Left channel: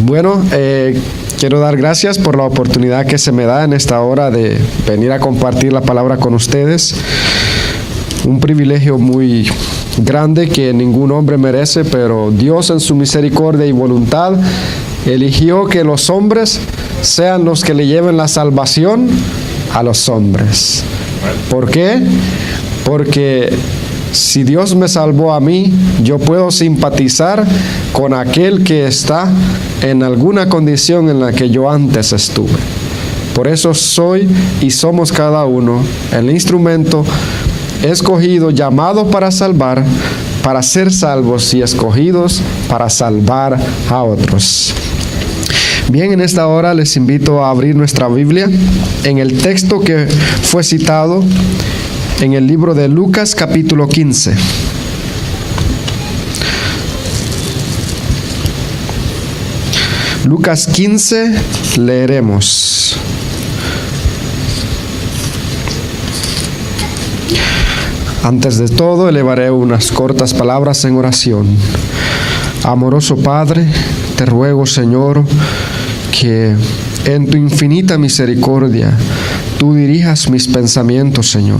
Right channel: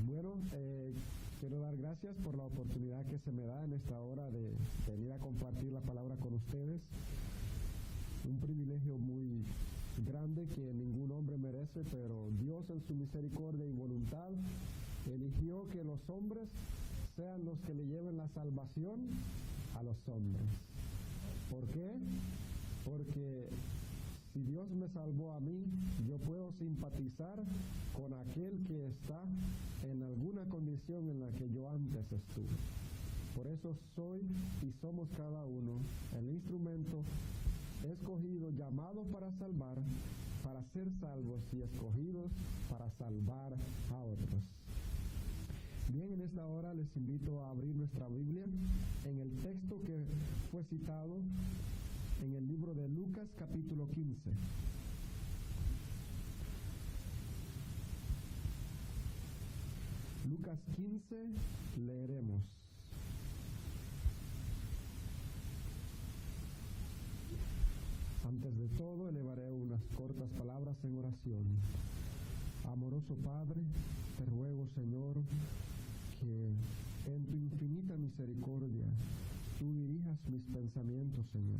Bueno, quiero dar gracias por la oportunidad que se me da en esta hora de venir a compartir la palabra con ustedes. Un privilegio muy grande que ningún hombre merece, pero Dios en su misericordia y voluntad eligió que los hombres sean los que le lleven la salvación a los hombres. ¿Por qué? Porque si Dios me salvó a mí, yo puedo simpatizar con aquel que está en alguna condición en la que yo antes estuve. Por eso soy y somos cada uno el instrumento escogido, llamado para salvar, para ser salvos y escogidos para salvar a otros. Bien, en esta hora les invito a abrir nuestra Biblia en el texto que fue citado en el libro de Lucas capítulo 15. Lucas 15 leeremos. Antes de todo, elevaré unas cortas palabras en oración. Amoroso Padre, te ruego, Señor, que en tu infinita misericordia tú dirijas mis pensamientos, Señor,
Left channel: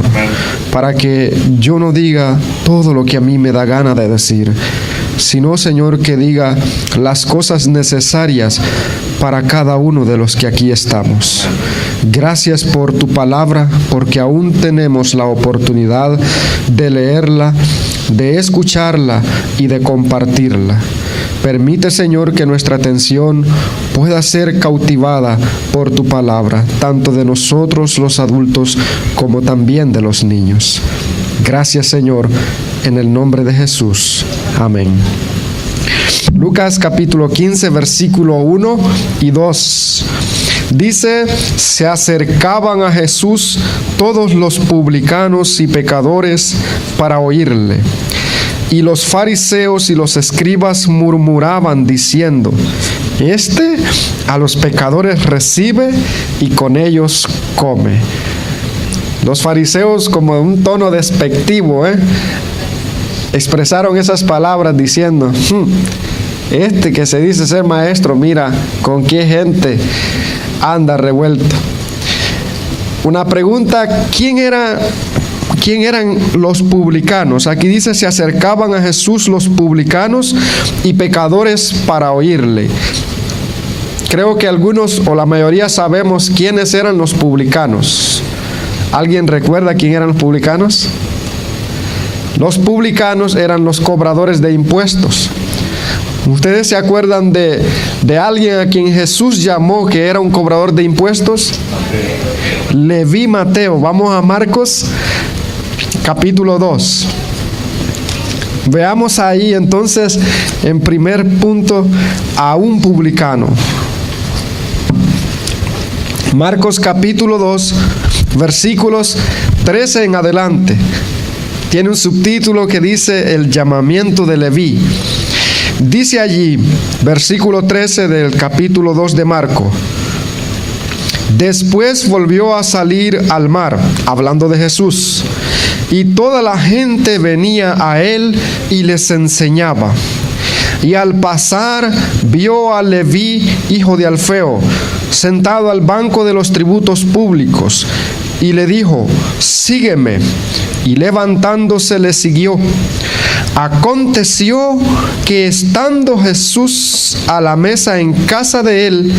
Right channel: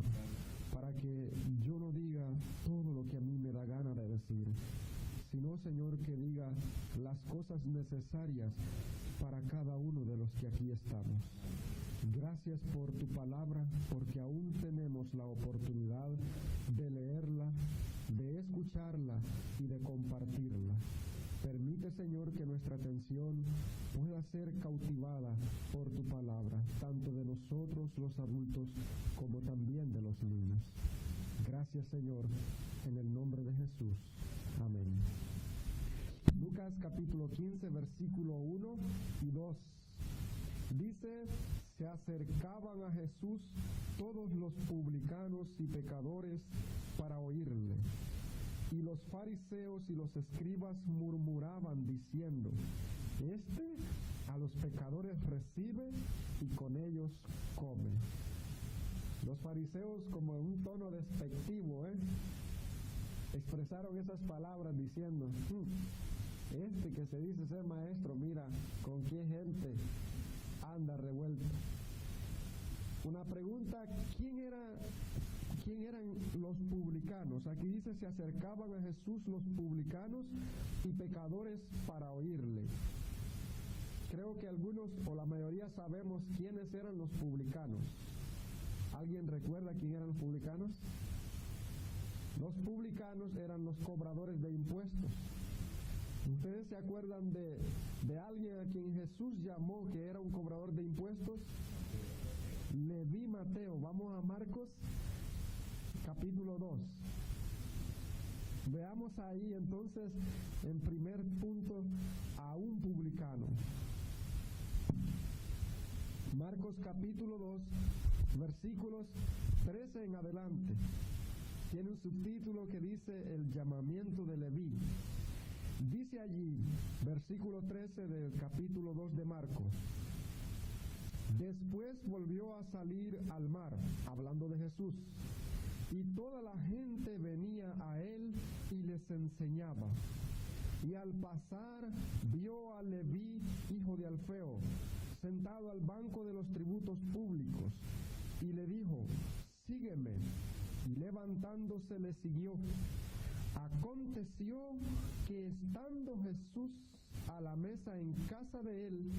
para que yo no diga todo lo que a mí me da gana de decir, sino, Señor, que diga las cosas necesarias para cada uno de los que aquí estamos. Gracias por tu palabra, porque aún tenemos la oportunidad de leerla, de escucharla y de compartirla. Permite, Señor, que nuestra atención pueda ser cautivada por tu palabra, tanto de nosotros los adultos como también de los niños. Gracias, Señor, en el nombre de Jesús. Amén. Lucas capítulo 15, versículo 1 y 2. Dice: se acercaban a Jesús todos los publicanos y pecadores para oírle. Y los fariseos y los escribas murmuraban diciendo: este a los pecadores recibe y con ellos come. Los fariseos, como en un tono despectivo, expresaron esas palabras diciendo: este que se dice ser maestro, mira con qué gente anda revuelto. Una pregunta: ¿quién eran los publicanos? Aquí dice: se acercaban a Jesús los publicanos y pecadores para oírle. Creo que algunos o la mayoría sabemos quiénes eran los publicanos. ¿Alguien recuerda quién eran los publicanos? Los publicanos eran los cobradores de impuestos. ¿Ustedes se acuerdan de alguien a quien Jesús llamó que era un cobrador de impuestos? Leví Mateo. Vamos a Marcos capítulo 2. Veamos ahí entonces, en primer punto, a un publicano. Marcos capítulo 2, versículos 13 en adelante. Tiene un subtítulo que dice: el llamamiento de Leví. Dice allí, versículo 13 del capítulo 2 de Marcos: después volvió a salir al mar, hablando de Jesús, y toda la gente venía a él y les enseñaba. Y al pasar vio a Leví, hijo de Alfeo, sentado al banco de los tributos públicos, y le dijo: sígueme. Y levantándose le siguió. Aconteció que estando Jesús a la mesa en casa de él,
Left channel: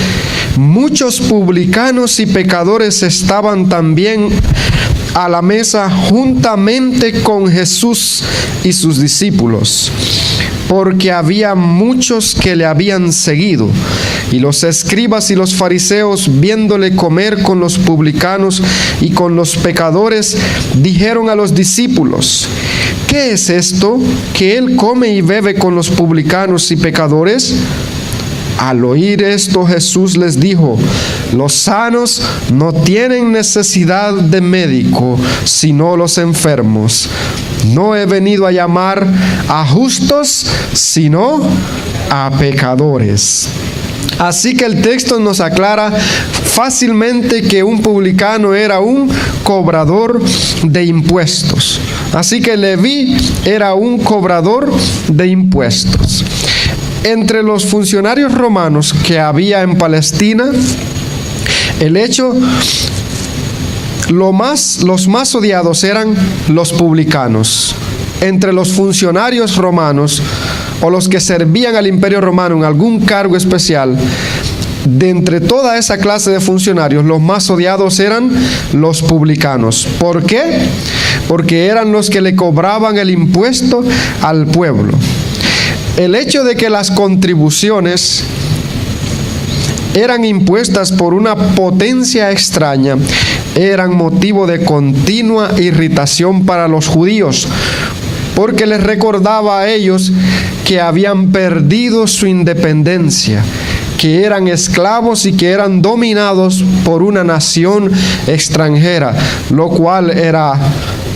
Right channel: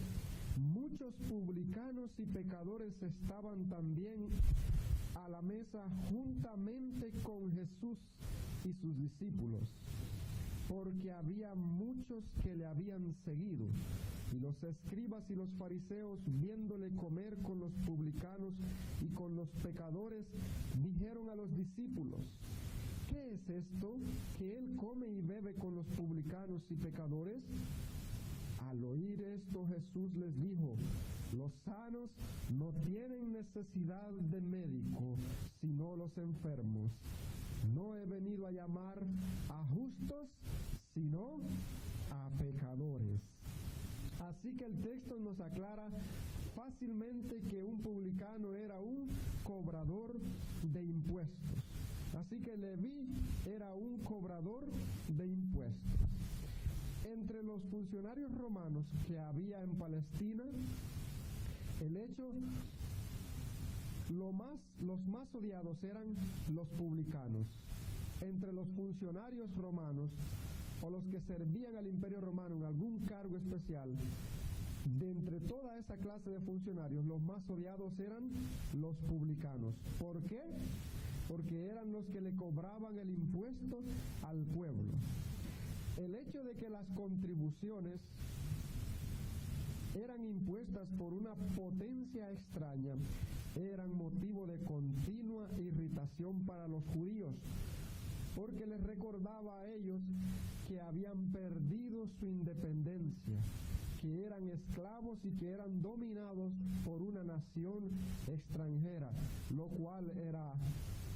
muchos publicanos y pecadores estaban también a la mesa juntamente con Jesús y sus discípulos, porque había muchos que le habían seguido. Y los escribas y los fariseos, viéndole comer con los publicanos y con los pecadores, dijeron a los discípulos: ¿qué es esto que él come y bebe con los publicanos y pecadores? Al oír esto, Jesús les dijo: los sanos no tienen necesidad de médico, sino los enfermos. No he venido a llamar a justos, sino a pecadores. Así que el texto nos aclara fácilmente que un publicano era un cobrador de impuestos. Así que Leví era un cobrador de impuestos. entre los funcionarios romanos que había en Palestina, los más odiados eran los publicanos. Entre los funcionarios romanos o los que servían al Imperio Romano en algún cargo especial, de entre toda esa clase de funcionarios, los más odiados eran los publicanos. ¿Por qué? Porque eran los que le cobraban el impuesto al pueblo. El hecho de que las contribuciones eran impuestas por una potencia extraña eran motivo de continua irritación para los judíos, porque les recordaba a ellos que habían perdido su independencia, que eran esclavos y que eran dominados por una nación extranjera, lo cual era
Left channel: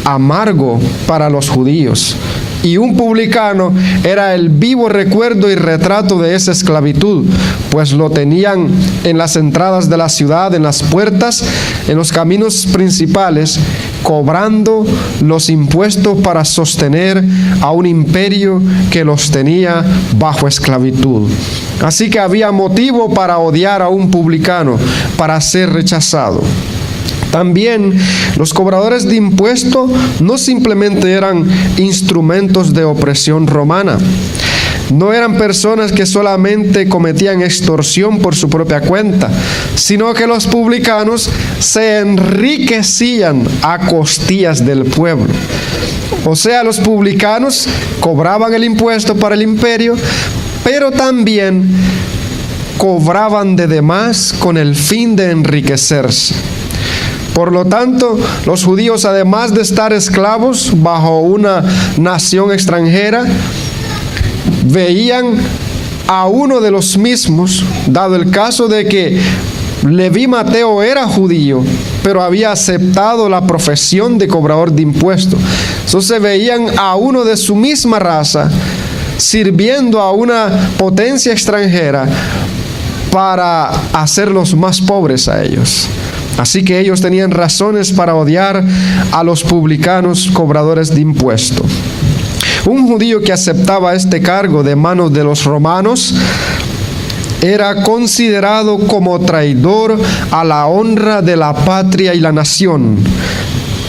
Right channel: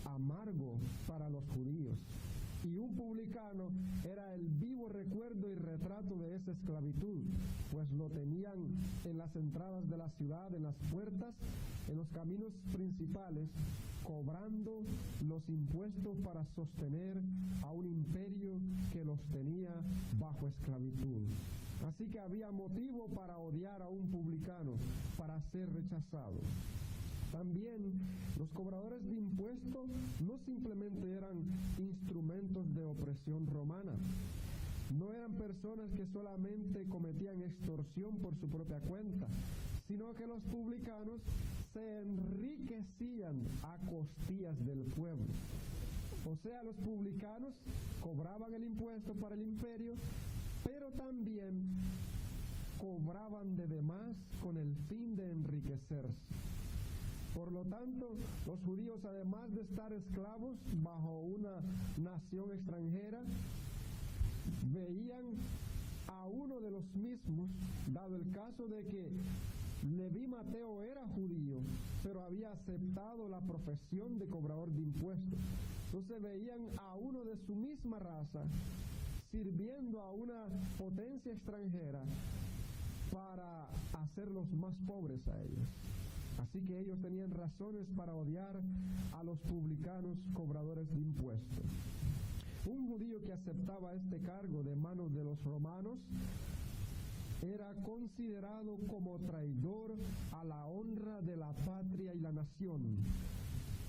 amargo para los judíos. Y un publicano era el vivo recuerdo y retrato de esa esclavitud, pues lo tenían en las entradas de la ciudad, en las puertas, en los caminos principales, cobrando los impuestos para sostener a un imperio que los tenía bajo esclavitud. Así que había motivo para odiar a un publicano, para ser rechazado. También los cobradores de impuestos no simplemente eran instrumentos de opresión romana. No eran personas que solamente cometían extorsión por su propia cuenta, sino que los publicanos se enriquecían a costillas del pueblo. O sea, los publicanos cobraban el impuesto para el imperio, pero también cobraban de demás con el fin de enriquecerse. Por lo tanto, los judíos, además de estar esclavos bajo una nación extranjera, veían a uno de los mismos, dado el caso de que Leví Mateo era judío, pero había aceptado la profesión de cobrador de impuestos. Entonces veían a uno de su misma raza sirviendo a una potencia extranjera para hacerlos más pobres a ellos. Así que ellos tenían razones para odiar a los publicanos cobradores de impuestos. Un judío que aceptaba este cargo de manos de los romanos era considerado como traidor a la honra de la patria y la nación.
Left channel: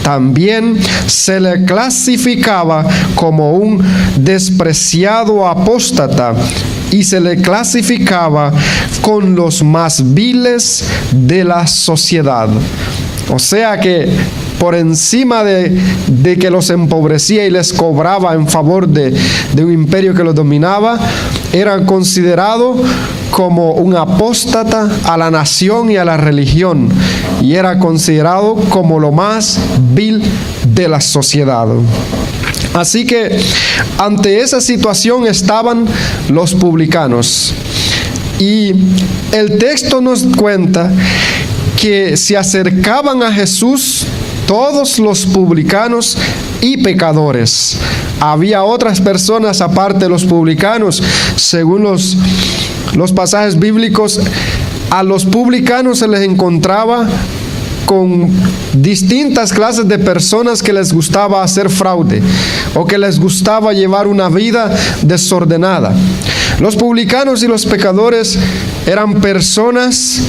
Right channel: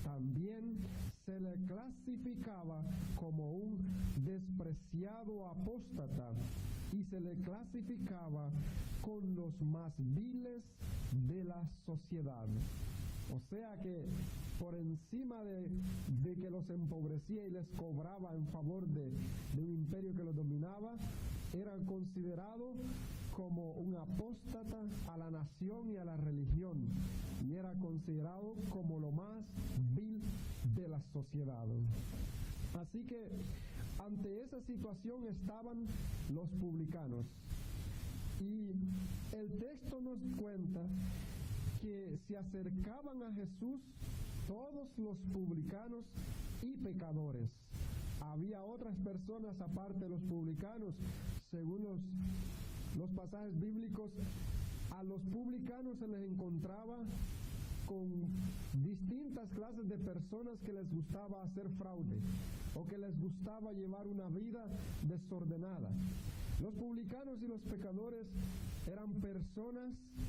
También se le clasificaba como un despreciado apóstata y se le clasificaba con los más viles de la sociedad. O sea que por encima de que los empobrecía y les cobraba en favor de un imperio que los dominaba, eran considerados como un apóstata a la nación y a la religión, y era considerado como lo más vil de la sociedad. Así que ante esa situación estaban los publicanos, y el texto nos cuenta que se acercaban a Jesús todos los publicanos y pecadores. Había otras personas aparte de los publicanos. Según los pasajes bíblicos, a los publicanos se les encontraba con distintas clases de personas que les gustaba hacer fraude o que les gustaba llevar una vida desordenada. Los publicanos y los pecadores eran personas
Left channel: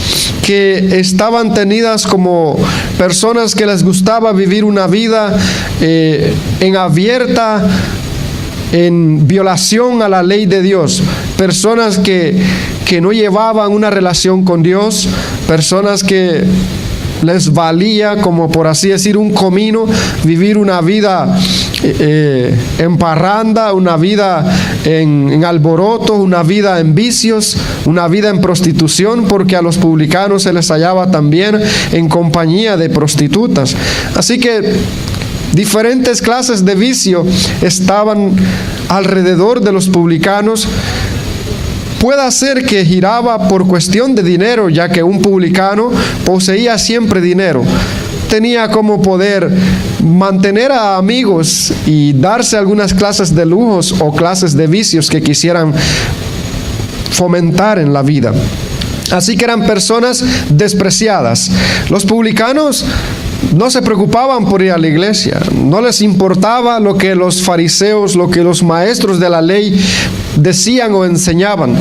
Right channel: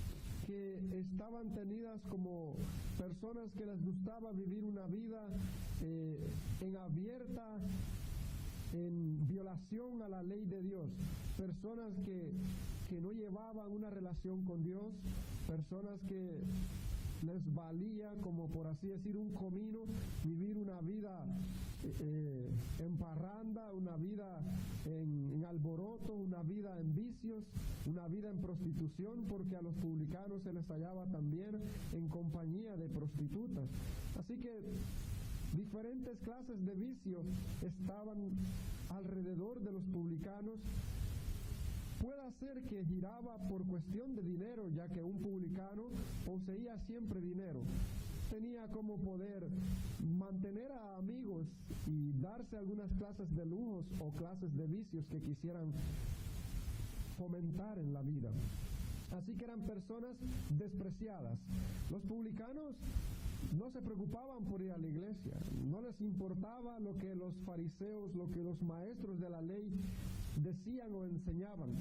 que estaban tenidas como personas que les gustaba vivir una vida en violación a la ley de Dios, personas que no llevaban una relación con Dios, personas que les valía, como por así decir, un comino, vivir una vida en parranda, una vida en alboroto, una vida en vicios, una vida en prostitución, porque a los publicanos se les hallaba también en compañía de prostitutas. Así que diferentes clases de vicio estaban alrededor de los publicanos. Puede ser que giraba por cuestión de dinero, ya que un publicano poseía siempre dinero. Tenía como poder mantener a amigos y darse algunas clases de lujos o clases de vicios que quisieran fomentar en la vida. Así que eran personas despreciadas. Los publicanos no se preocupaban por ir a la iglesia, no les importaba lo que los fariseos, lo que los maestros de la ley decían o enseñaban.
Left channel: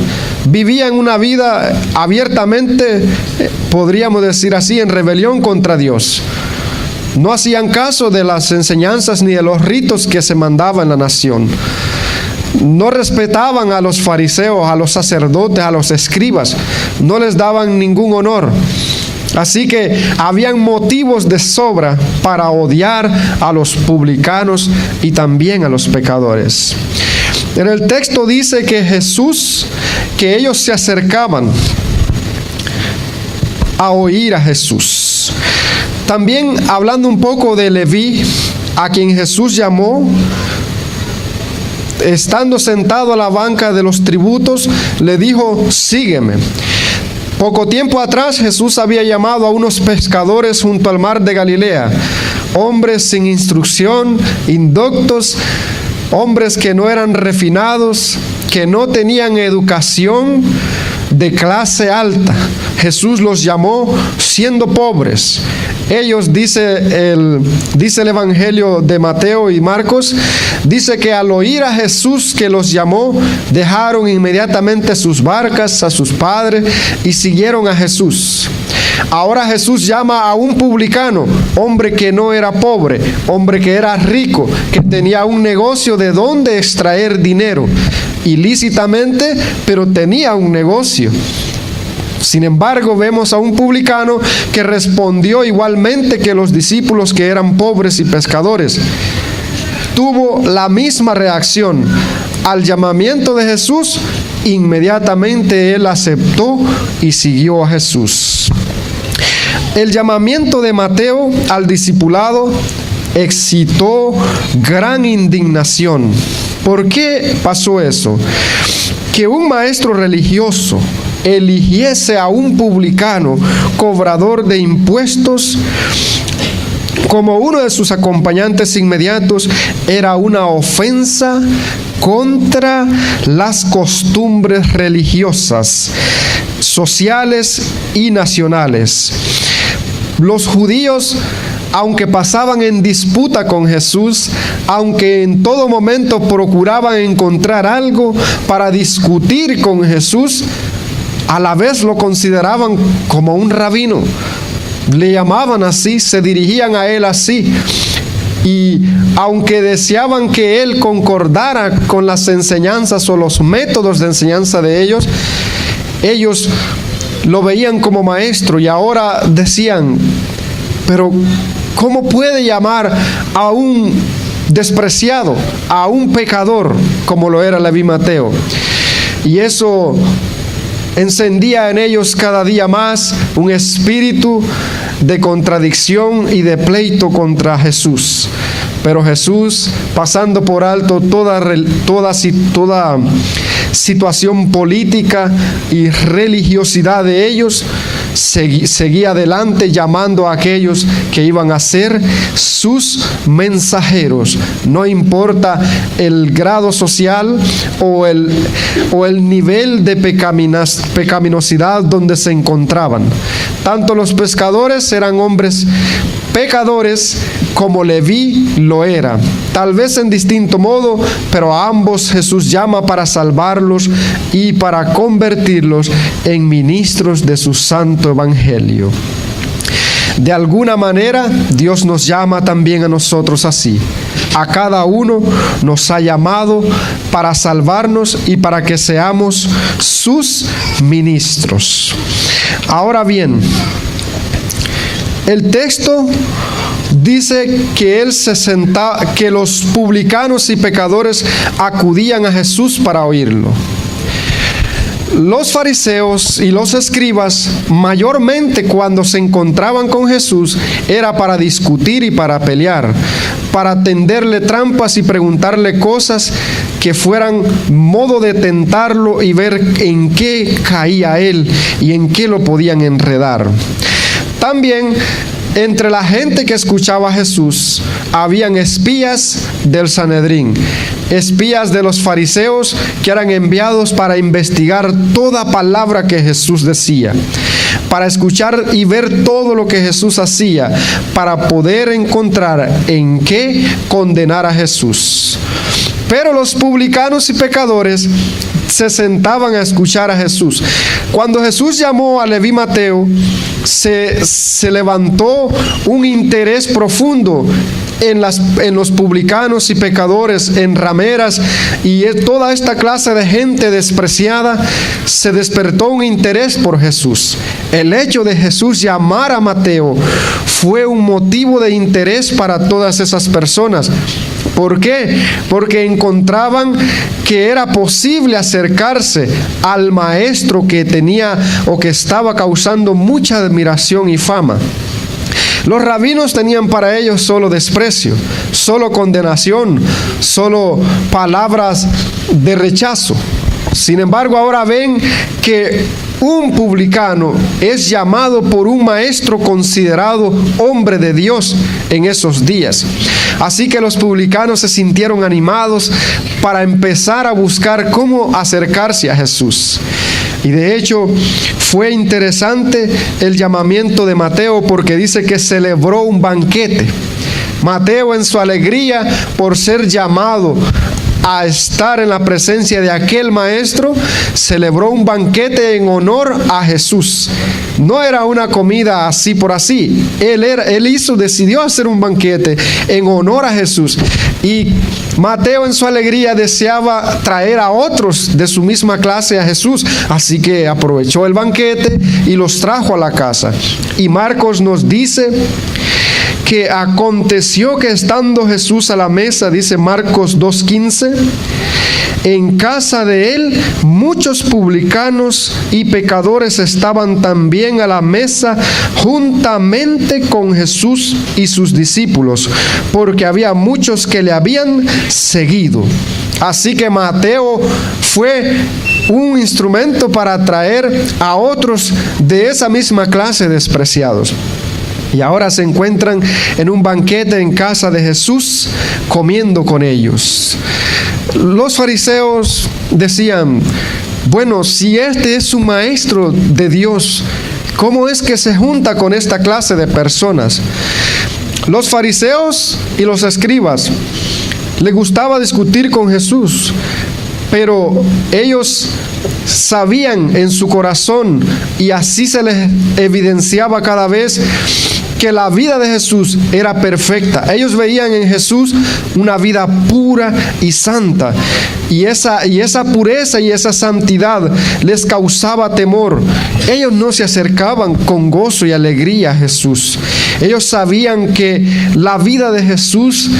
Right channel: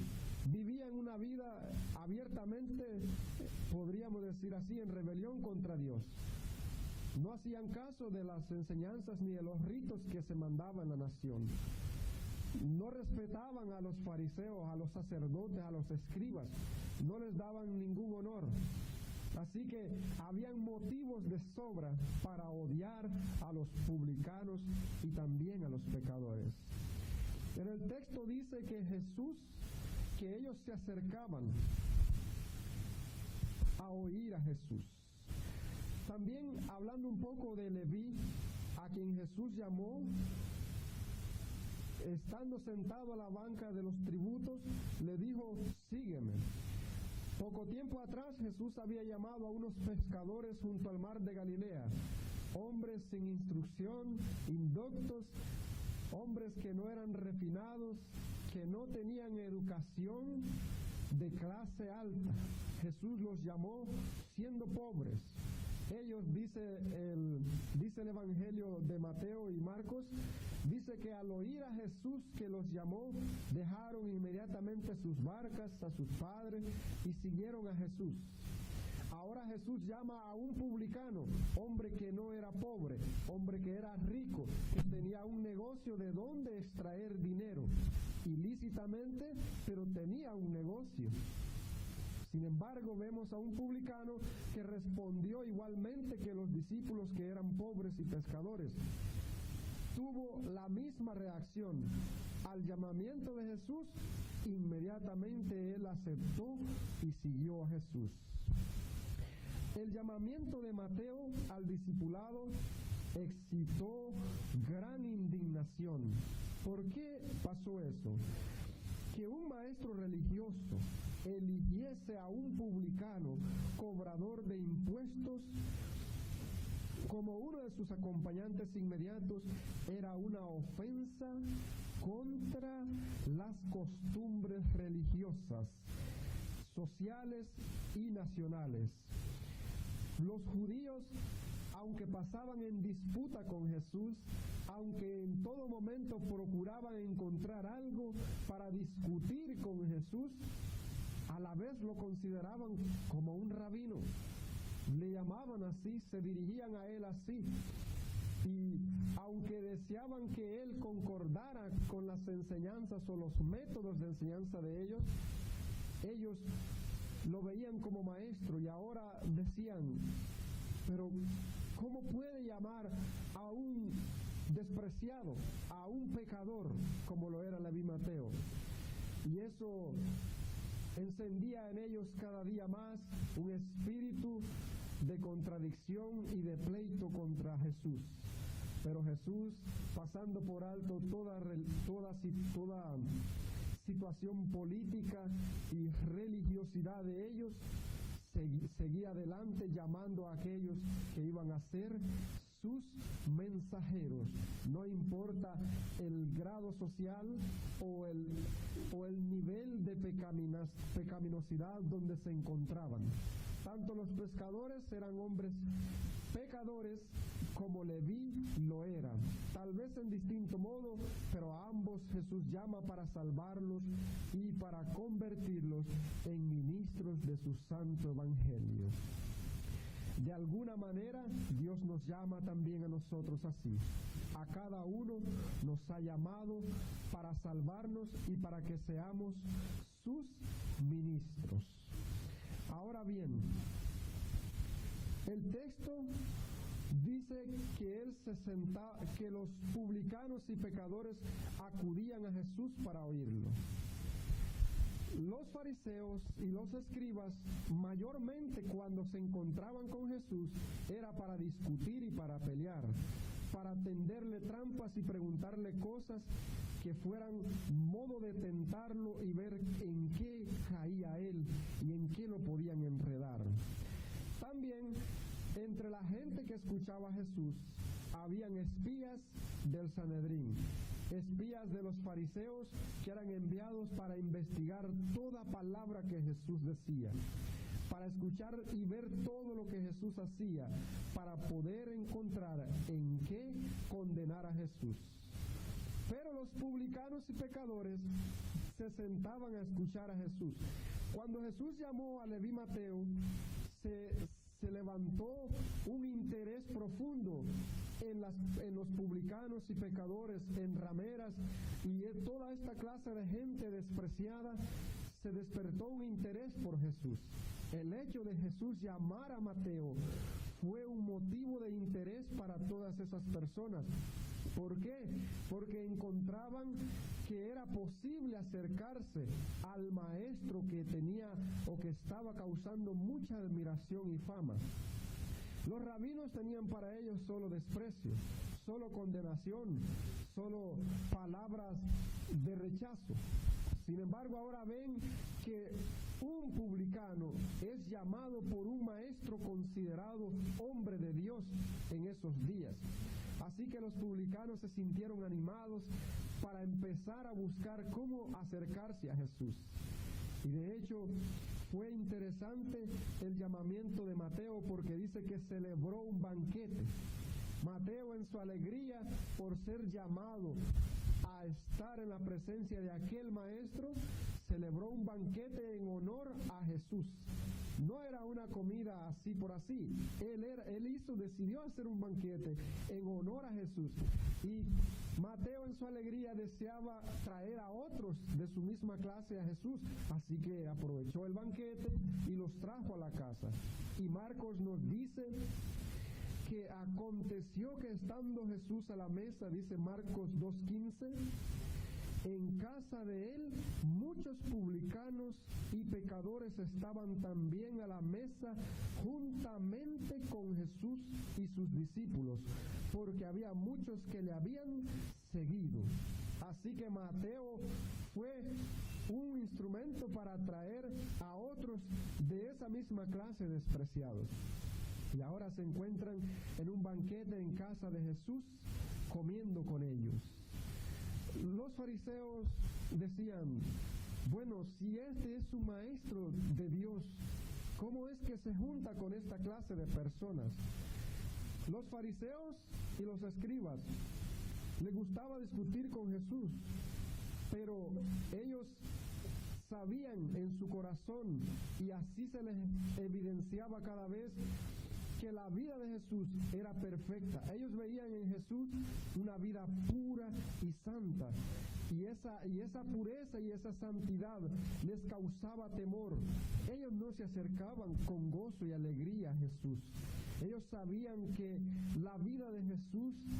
Vivían una vida abiertamente, podríamos decir así, en rebelión contra Dios. No hacían caso de las enseñanzas ni de los ritos que se mandaban en la nación. No respetaban a los fariseos, a los sacerdotes, a los escribas. No les daban ningún honor. Así que habían motivos de sobra para odiar a los publicanos y también a los pecadores. En el texto dice que ellos se acercaban a oír a Jesús. También hablando un poco de Leví, a quien Jesús llamó, estando sentado a la banca de los tributos, le dijo: sígueme. Poco tiempo atrás Jesús había llamado a unos pescadores junto al mar de Galilea, hombres sin instrucción, indoctos, hombres que no eran refinados, que no tenían educación de clase alta. Jesús los llamó siendo pobres. Ellos, dice el Evangelio de Mateo y Marcos, dice que al oír a Jesús que los llamó, dejaron inmediatamente sus barcas, a sus padres, y siguieron a Jesús. Ahora Jesús llama a un publicano, hombre que no era pobre, hombre que era rico, que tenía un negocio de donde extraer dinero, ilícitamente, pero tenía un negocio. Sin embargo, vemos a un publicano que respondió igualmente que los discípulos, que eran pobres y pescadores. Tuvo la misma reacción al llamamiento de Jesús. Inmediatamente él aceptó y siguió a Jesús. El llamamiento de Mateo al discipulado excitó gran indignación. ¿Por qué pasó eso? Que un maestro religioso eligiese a un publicano, cobrador de impuestos, como uno de sus acompañantes inmediatos, era una ofensa contra las costumbres religiosas, sociales y nacionales. Los judíos, aunque pasaban en disputa con Jesús, aunque en todo momento procuraban encontrar algo para discutir con Jesús, a la vez lo consideraban como un rabino. Le llamaban así, se dirigían a él así. Y aunque deseaban que él concordara con las enseñanzas o los métodos de enseñanza de ellos, ellos lo veían como maestro y ahora decían: pero ¿cómo puede llamar a un despreciado, a un pecador, como lo era Leví Mateo? Y eso encendía en ellos cada día más un espíritu de contradicción y de pleito contra Jesús. Pero Jesús, pasando por alto toda situación política y religiosidad de ellos, seguía adelante llamando a aquellos que iban a ser sus mensajeros. No importa el grado social o el nivel de pecaminosidad donde se encontraban. Tanto los pescadores eran hombres pecadores como Leví lo era, tal vez en distinto modo, pero a ambos Jesús llama para salvarlos y para convertirlos en ministros de su santo evangelio. De alguna manera, Dios nos llama también a nosotros así. A cada uno nos ha llamado para salvarnos y para que seamos sus ministros. Ahora bien, el texto dice que que los publicanos y pecadores acudían a Jesús para oírlo. Los fariseos y los escribas, mayormente cuando se encontraban con Jesús, era para discutir y para pelear, para tenderle trampas y preguntarle cosas que fueran modo de tentarlo y ver en qué caía él y en qué lo podían enredar. También entre la gente que escuchaba a Jesús habían espías del Sanedrín, espías de los fariseos que eran enviados para investigar toda palabra que Jesús decía. para escuchar y ver todo lo que Jesús hacía, para poder encontrar en qué condenar a Jesús. Pero los publicanos y pecadores se sentaban a escuchar a Jesús. Cuando Jesús llamó a Leví Mateo, se levantó un interés profundo en los publicanos y pecadores, en rameras y toda esta clase de gente despreciada. Se despertó un interés por Jesús. El hecho de Jesús llamar a Mateo fue un motivo de interés para todas esas personas. ¿Por qué? Porque encontraban que era posible acercarse al maestro que tenía o que estaba causando mucha admiración y fama. Los rabinos tenían para ellos solo desprecio, solo condenación, solo palabras de rechazo. Sin embargo, ahora ven que un publicano es llamado por un maestro considerado hombre de Dios en esos días. Así que los publicanos se sintieron animados para empezar a buscar cómo acercarse a Jesús. Y de hecho fue interesante el llamamiento de Mateo, porque dice que celebró un banquete. Mateo, en su alegría por ser llamado a estar en la presencia de aquel maestro, celebró un banquete en honor a Jesús. No era una comida así por así. Decidió hacer un banquete en honor a Jesús. Y Mateo, en su alegría, deseaba traer a otros de su misma clase a Jesús. Así que aprovechó el banquete y los trajo a la casa. Y Marcos nos dice que aconteció que estando Jesús a la mesa, dice Marcos 2:15, en casa de él muchos publicanos y pecadores estaban también a la mesa juntamente con Jesús y sus discípulos, porque había muchos que le habían seguido. Así que Mateo fue un instrumento para atraer a otros de esa misma clase despreciados. Y ahora se encuentran en un banquete en casa de Jesús, comiendo con ellos. Los fariseos decían: bueno, si este es un maestro de Dios, ¿cómo es que se junta con esta clase de personas? Los fariseos y los escribas les gustaba discutir con Jesús, pero ellos sabían en su corazón, y así se les evidenciaba cada vez, que la vida de Jesús era perfecta. Ellos veían en Jesús una vida pura y santa, y esa pureza y esa santidad les causaba temor. Ellos no se acercaban con gozo y alegría a Jesús. Ellos sabían que la vida de Jesús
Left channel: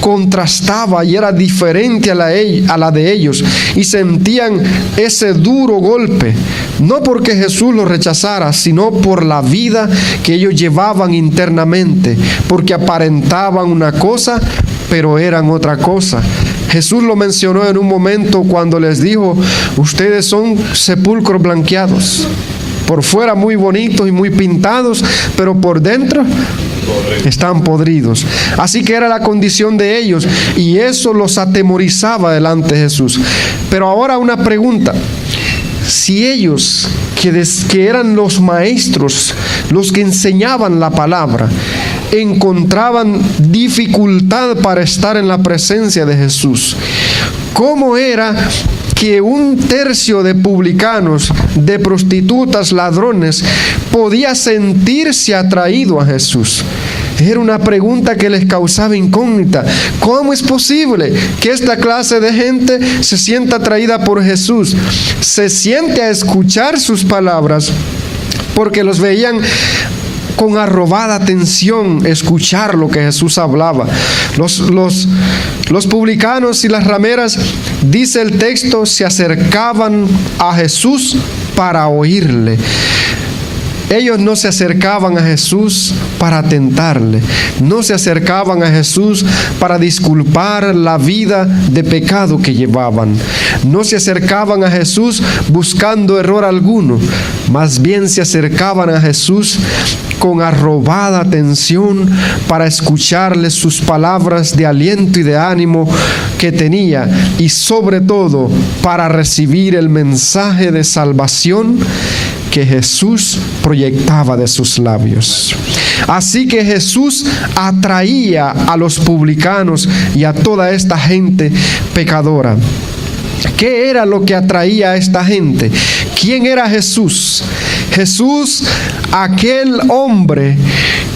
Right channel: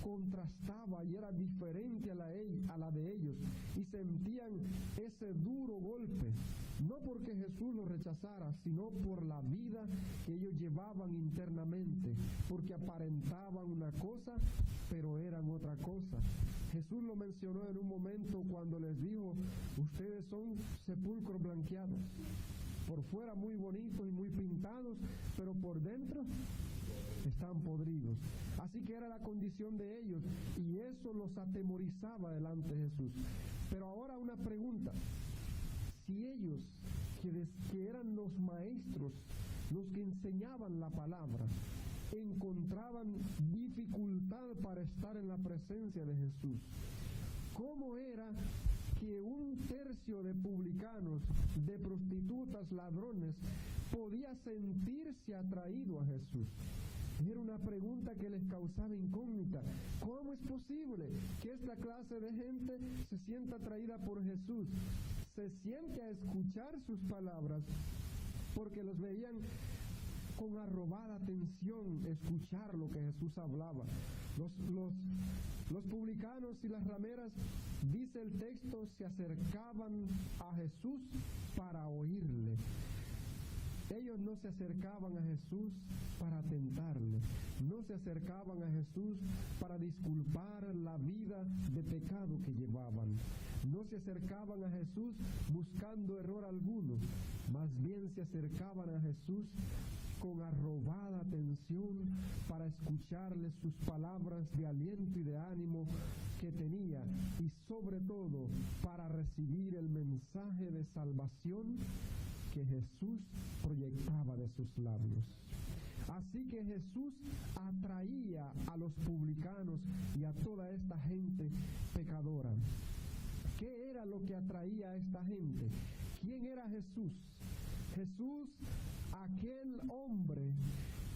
contrastaba y era diferente a la de ellos, y sentían ese duro golpe, no porque Jesús los rechazara, sino por la vida que ellos llevaban internamente, porque aparentaban una cosa pero eran otra cosa. Jesús lo mencionó en un momento cuando les dijo: ustedes son sepulcros blanqueados, por fuera muy bonitos y muy pintados, pero por dentro están podridos. Así que era la condición de ellos, y eso los atemorizaba delante de Jesús. Pero ahora una pregunta: si ellos, que eran los maestros, los que enseñaban la palabra, encontraban dificultad para estar en la presencia de Jesús, ¿cómo era que un tercio de publicanos, de prostitutas, ladrones, podía sentirse atraído a Jesús? Era una pregunta que les causaba incógnita. ¿Cómo es posible que esta clase de gente se sienta atraída por Jesús? Se siente a escuchar sus palabras, porque los veían con arrobada atención escuchar lo que Jesús hablaba. Los publicanos y las rameras, dice el texto, se acercaban a Jesús para oírle. Ellos no se acercaban a Jesús para tentarle, no se acercaban a Jesús para disculpar la vida de pecado que llevaban, no se acercaban a Jesús buscando error alguno, más bien se acercaban a Jesús con arrobada atención para escucharle sus palabras de aliento y de ánimo que tenía, y sobre todo para recibir el mensaje de salvación que Jesús proyectaba de sus labios. Así que Jesús atraía a los publicanos y a toda esta gente pecadora. ¿Qué era lo que atraía a esta gente? ¿Quién era Jesús? Jesús, aquel hombre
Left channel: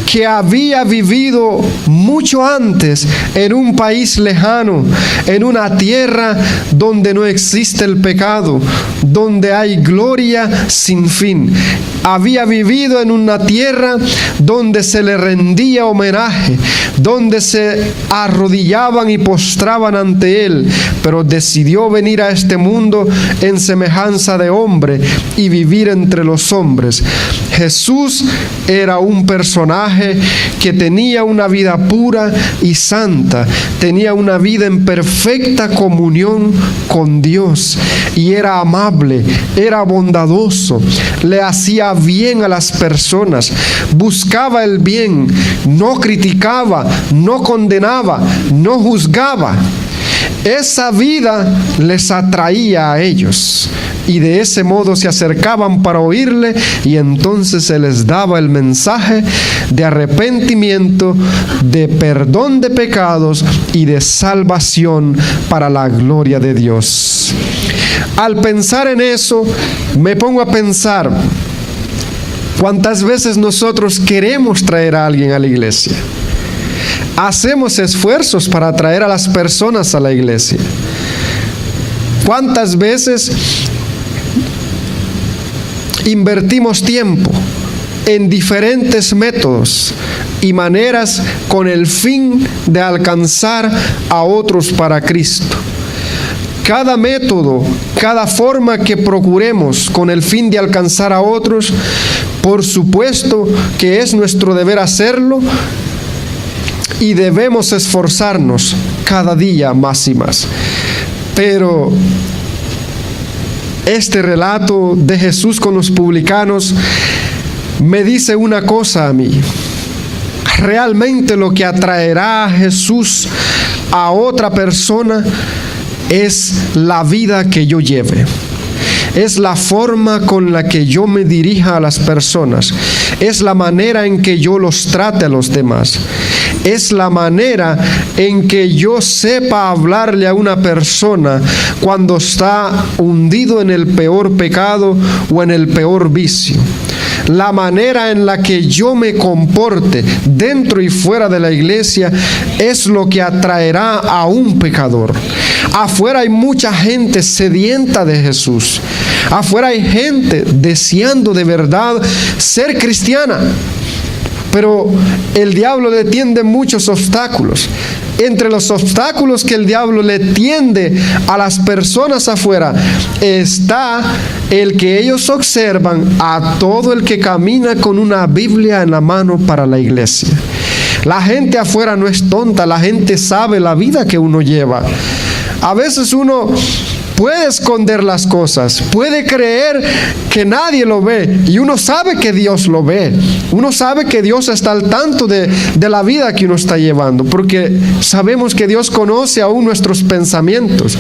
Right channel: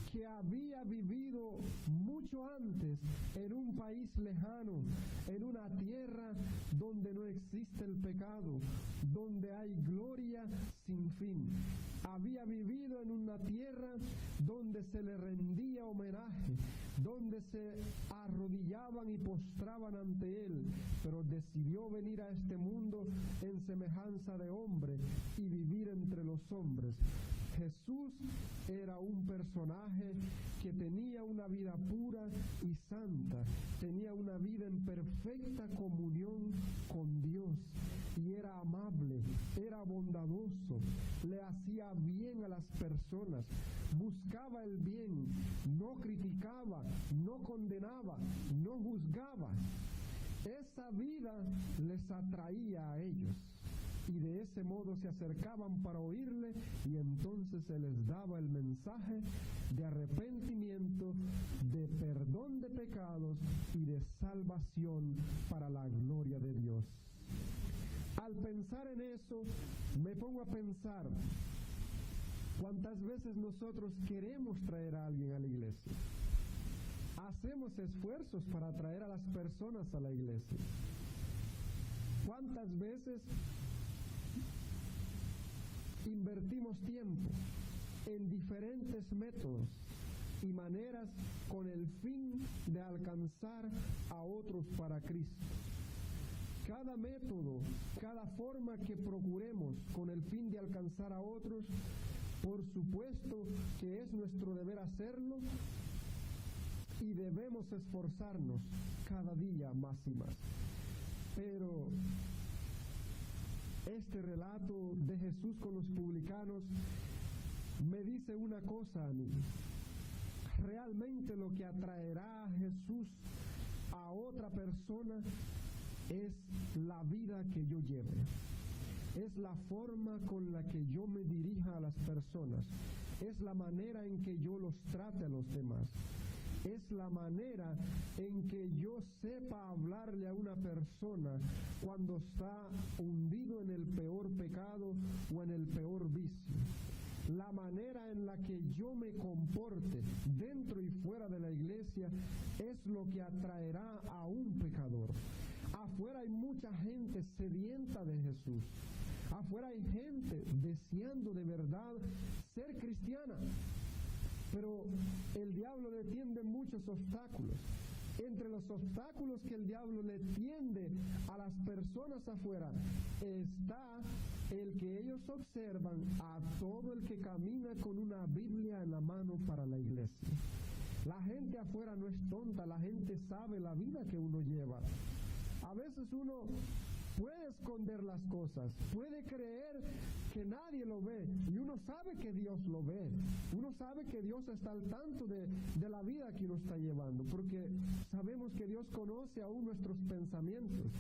que había vivido mucho antes en un país lejano, en una tierra donde no existe el pecado, donde hay gloria sin fin. Había vivido en una tierra donde se le rendía homenaje, donde se arrodillaban y postraban ante él, pero decidió venir a este mundo en semejanza de hombre y vivir entre los hombres. Jesús era un personaje que tenía una vida pura y santa, tenía una vida en perfecta comunión con Dios, y era amable, era bondadoso, le hacía bien a las personas, buscaba el bien, no criticaba, no condenaba, no juzgaba. Esa vida les atraía a ellos, y de ese modo se acercaban para oírle, y entonces se les daba el mensaje de arrepentimiento, de perdón de pecados y de salvación para la gloria de Dios. Al pensar en eso, me pongo a pensar cuántas veces nosotros queremos traer a alguien a la iglesia. Hacemos esfuerzos para atraer a las personas a la iglesia. ¿Cuántas veces invertimos tiempo en diferentes métodos y maneras con el fin de alcanzar a otros para Cristo? Cada método, cada forma que procuremos con el fin de alcanzar a otros, por supuesto que es nuestro deber hacerlo, y debemos esforzarnos cada día más y más. Pero este relato de Jesús con los publicanos me dice una cosa a mí. Realmente lo que atraerá a Jesús a otra persona es la vida que yo lleve. Es la forma con la que yo me dirija a las personas. Es la manera en que yo los trate a los demás. Es la manera en que yo sepa hablarle a una persona cuando está hundido en el peor pecado o en el peor vicio. La manera en la que yo me comporte dentro y fuera de la iglesia es lo que atraerá a un pecador. Afuera hay mucha gente sedienta de Jesús. Afuera hay gente deseando de verdad ser cristiana. Pero el diablo le tiende muchos obstáculos. Entre los obstáculos que el diablo le tiende a las personas afuera está el que ellos observan a todo el que camina con una Biblia en la mano para la iglesia. La gente afuera no es tonta, la gente sabe la vida que uno lleva. A veces uno puede esconder las cosas, puede creer que nadie lo ve, y uno sabe que Dios lo ve. Uno sabe que Dios está al tanto de la vida que uno está llevando, porque sabemos que Dios conoce aún nuestros pensamientos.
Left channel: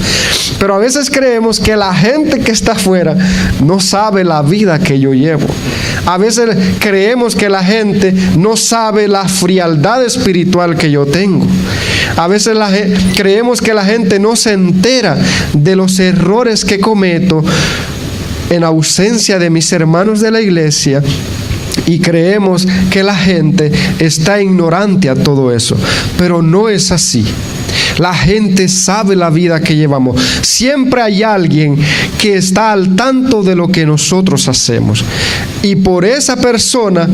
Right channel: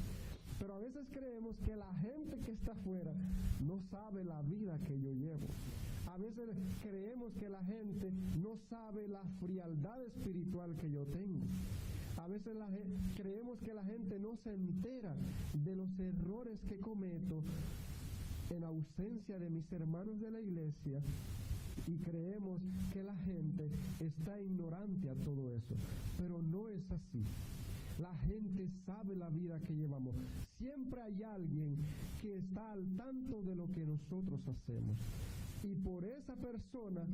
Pero a veces creemos que la gente que está afuera no sabe la vida que yo llevo. A veces creemos que la gente no sabe la frialdad espiritual que yo tengo. A veces creemos que la gente no se entera de los errores que cometo en ausencia de mis hermanos de la iglesia, y creemos que la gente está ignorante a todo eso. Pero no es así. La gente sabe la vida que llevamos. Siempre hay alguien que está al tanto de lo que nosotros hacemos, y por esa persona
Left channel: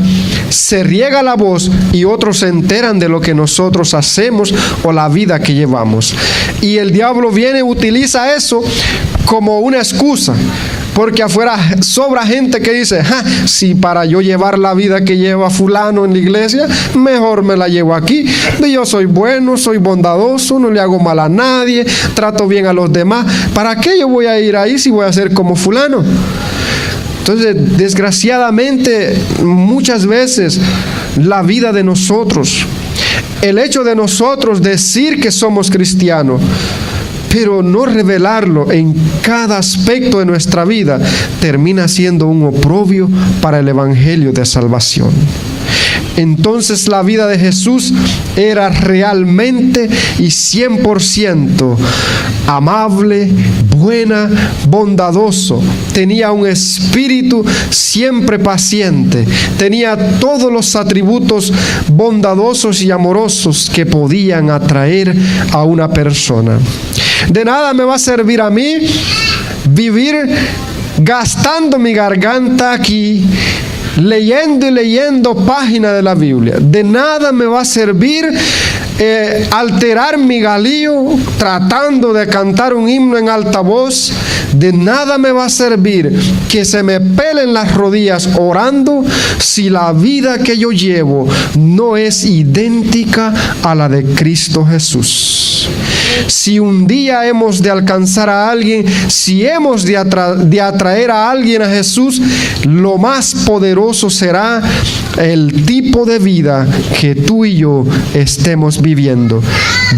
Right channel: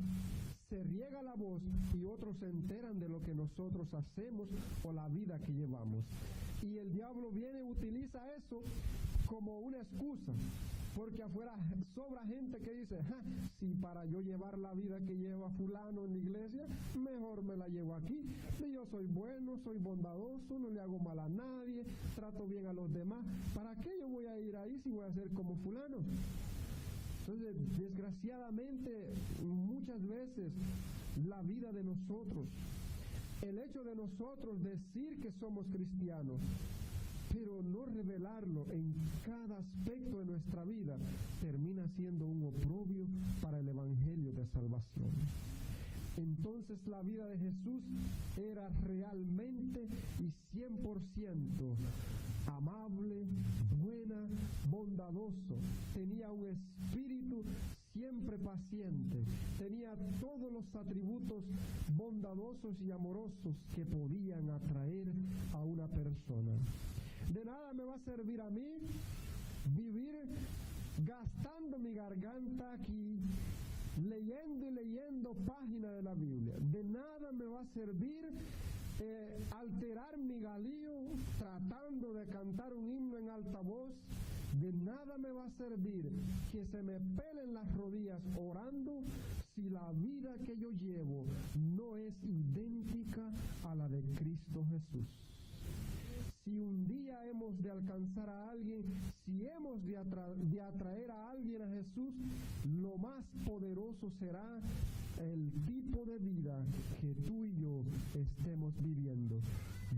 se riega la voz y otros se enteran de lo que nosotros hacemos o la vida que llevamos. Y el diablo viene y utiliza eso como una excusa. Porque afuera sobra gente que dice, si para yo llevar la vida que lleva fulano en la iglesia, mejor me la llevo aquí. Yo soy bueno, soy bondadoso, no le hago mal a nadie, trato bien a los demás. ¿Para qué yo voy a ir ahí si voy a ser como fulano? Entonces, desgraciadamente, muchas veces la vida de nosotros, el hecho de nosotros decir que somos cristianos, pero no revelarlo en cada aspecto de nuestra vida termina siendo un oprobio para el evangelio de salvación. Entonces la vida de Jesús era realmente y 100% amable, buena, bondadoso. Tenía un espíritu siempre paciente. Tenía todos los atributos bondadosos y amorosos que podían atraer a una persona. De nada me va a servir a mí vivir gastando mi garganta aquí, leyendo y leyendo páginas de la Biblia. De nada me va a servir alterar mi galillo tratando de cantar un himno en alta voz. De nada me va a servir que se me pelen las rodillas orando si la vida que yo llevo no es idéntica a la de Cristo Jesús. Si un día hemos de alcanzar a alguien, si hemos de atraer a alguien a Jesús, lo más poderoso será el tipo de vida que tú y yo estemos viviendo.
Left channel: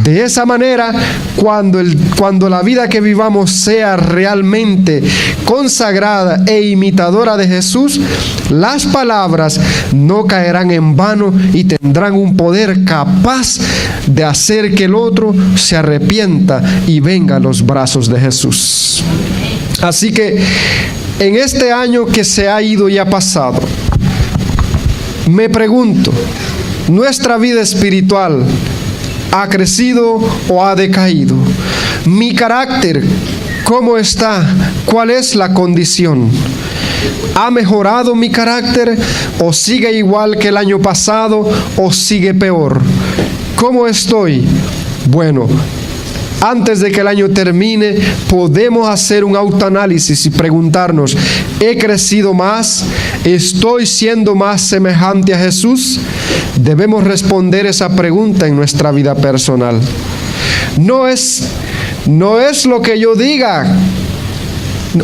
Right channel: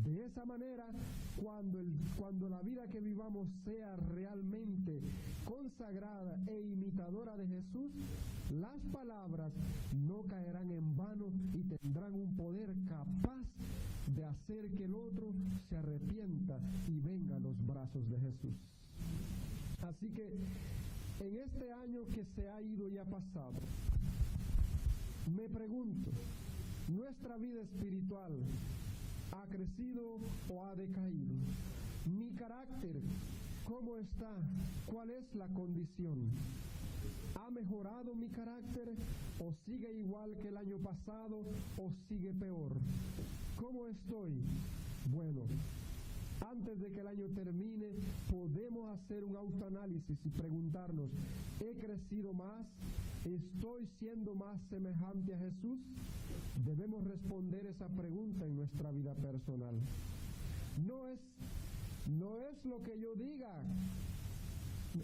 De esa manera, cuando la vida que vivamos sea realmente consagrada e imitadora de Jesús, las palabras no caerán en vano y tendrán un poder capaz de hacer que el otro se arrepienta y venga a los brazos de Jesús. Así que en este año que se ha ido y ha pasado, me pregunto, ¿nuestra vida espiritual ha crecido o ha decaído? ¿Mi carácter cómo está? ¿Cuál es la condición? ¿Ha mejorado mi carácter o sigue igual que el año pasado o sigue peor? ¿Cómo estoy? Bueno, antes de que el año termine, podemos hacer un autoanálisis y preguntarnos, ¿he crecido más? ¿Estoy siendo más semejante a Jesús? Debemos responder esa pregunta en nuestra vida personal. No es lo que yo diga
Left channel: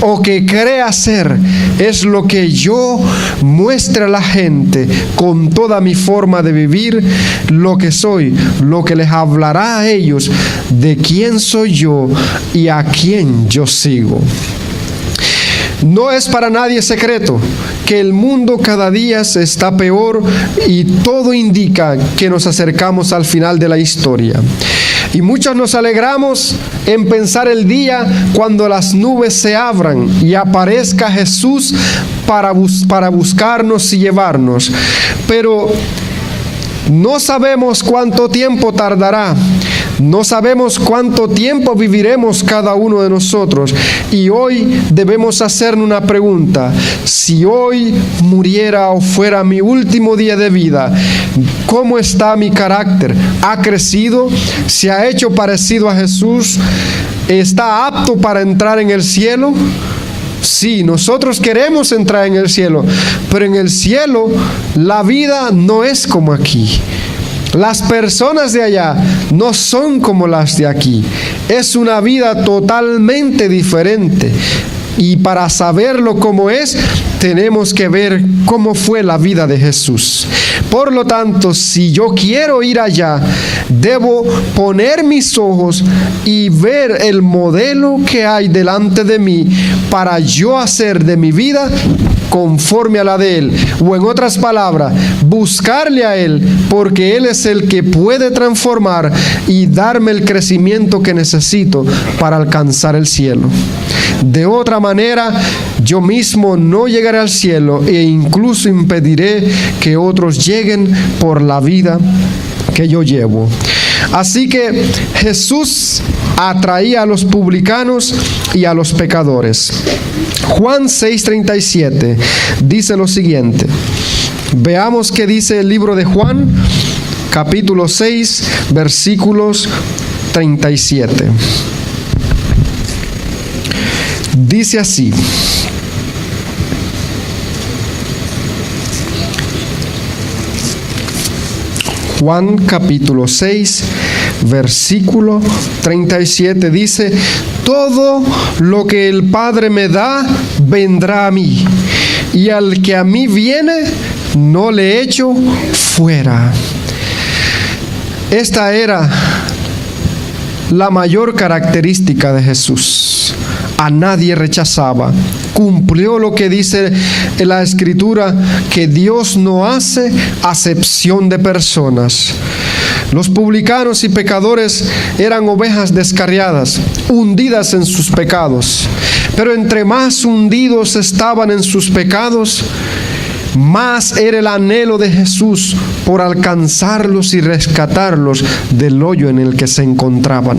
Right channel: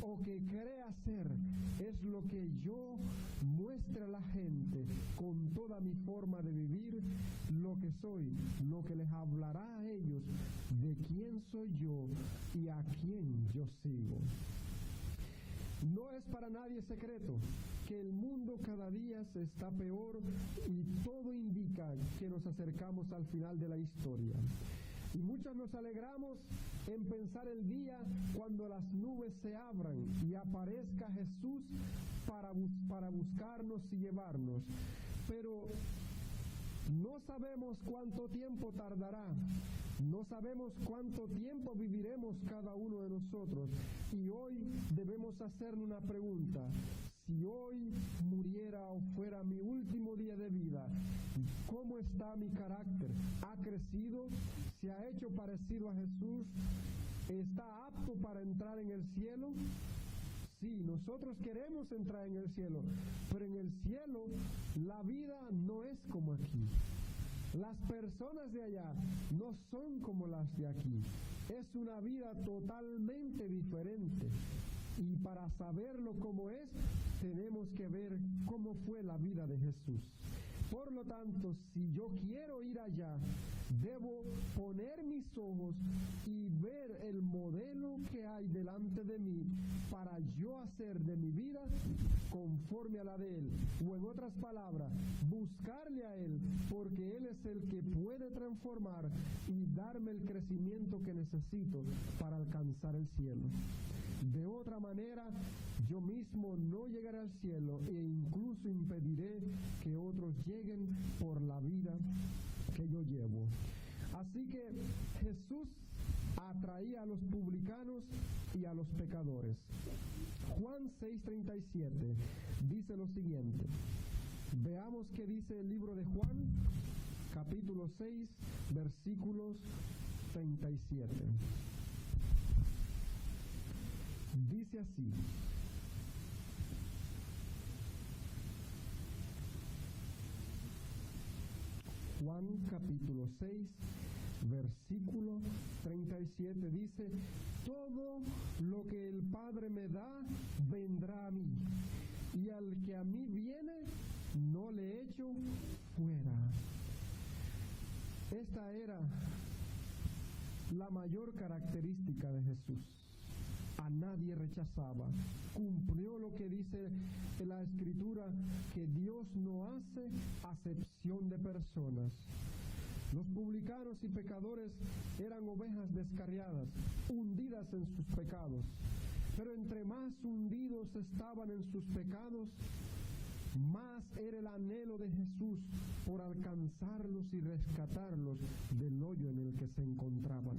o que crea ser, es lo que yo muestre a la gente con toda mi forma de vivir, lo que soy, lo que les hablará a ellos de quién soy yo y a quién yo sigo. No es para nadie secreto que el mundo cada día está peor y todo indica que nos acercamos al final de la historia. Y muchos nos alegramos en pensar el día cuando las nubes se abran y aparezca Jesús para buscarnos y llevarnos. Pero no sabemos cuánto tiempo tardará. No sabemos cuánto tiempo viviremos cada uno de nosotros. Y hoy debemos hacernos una pregunta. Si hoy muriera o fuera mi último día de vida, ¿cómo está mi carácter? ¿Ha crecido? ¿Se ha hecho parecido a Jesús? ¿Está apto para entrar en el cielo? Sí, nosotros queremos entrar en el cielo, pero en el cielo la vida no es como aquí. Las personas de allá no son como las de aquí. Es una vida totalmente diferente. Y para saberlo cómo es, tenemos que ver cómo fue la vida de Jesús. Por lo tanto, si yo quiero ir allá, debo poner mis ojos y ver el modelo que hay delante de mí para yo hacer de mi vida conforme a la de Él. O en otras palabras, buscarle a Él, porque Él es el que puede transformar y darme el crecimiento que necesito para alcanzar el cielo. De otra manera, yo mismo no llegaré al cielo e incluso impediré que otros lleguen por la vida que yo llevo. Así que Jesús atraía a los publicanos y a los pecadores. Juan 6:37 dice lo siguiente. Veamos qué dice el libro de Juan, capítulo 6, versículos 37. Dice así: Juan capítulo 6, versículo 37 dice: todo lo que el Padre me da, vendrá a mí, y al que a mí viene, no le echo fuera. Esta era la mayor característica de Jesús. A nadie rechazaba. Cumplió lo que dice en la Escritura, que Dios no hace acepción de personas. Los publicanos y pecadores eran ovejas descarriadas, hundidas en sus pecados. Pero entre más hundidos estaban en sus pecados, más era el anhelo de Jesús por alcanzarlos y rescatarlos del hoyo en el que se encontraban.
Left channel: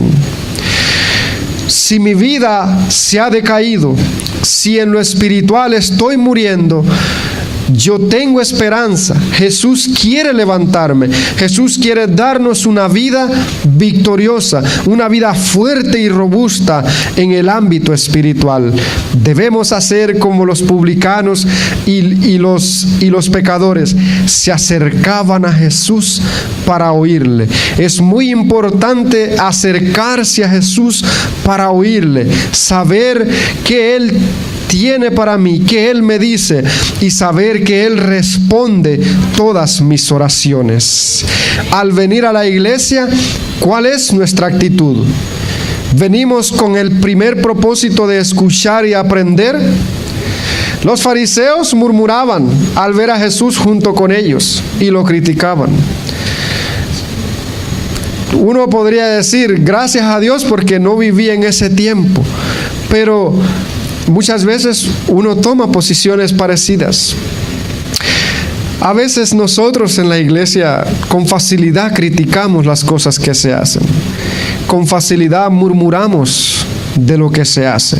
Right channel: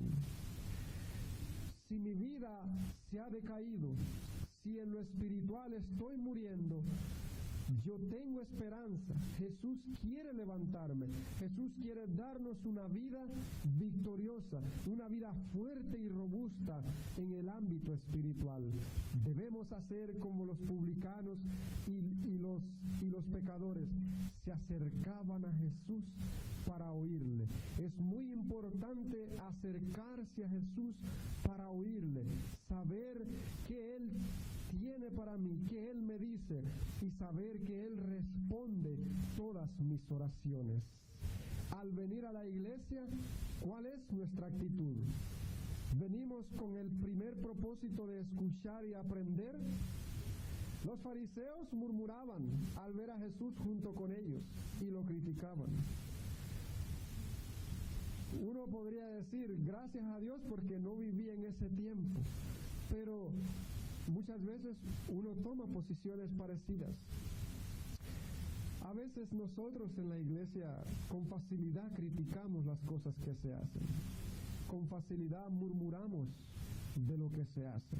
Si mi vida se ha decaído, si en lo espiritual estoy muriendo, yo tengo esperanza. Jesús quiere levantarme. Jesús quiere darnos una vida victoriosa, una vida fuerte y robusta en el ámbito espiritual. Debemos hacer como los publicanos y los pecadores. Se acercaban a Jesús para oírle. Es muy importante acercarse a Jesús para oírle, saber que Él tiene para mí, que Él me dice, y saber que Él responde todas mis oraciones. Al venir a la iglesia, ¿cuál es nuestra actitud? ¿Venimos con el primer propósito de escuchar y aprender? Los fariseos murmuraban al ver a Jesús junto con ellos y lo criticaban. Uno podría decir, gracias a Dios porque no viví en ese tiempo, pero muchas veces uno toma posiciones parecidas. A veces nosotros en la iglesia con facilidad criticamos las cosas que se hacen. Con facilidad murmuramos de lo que se hace.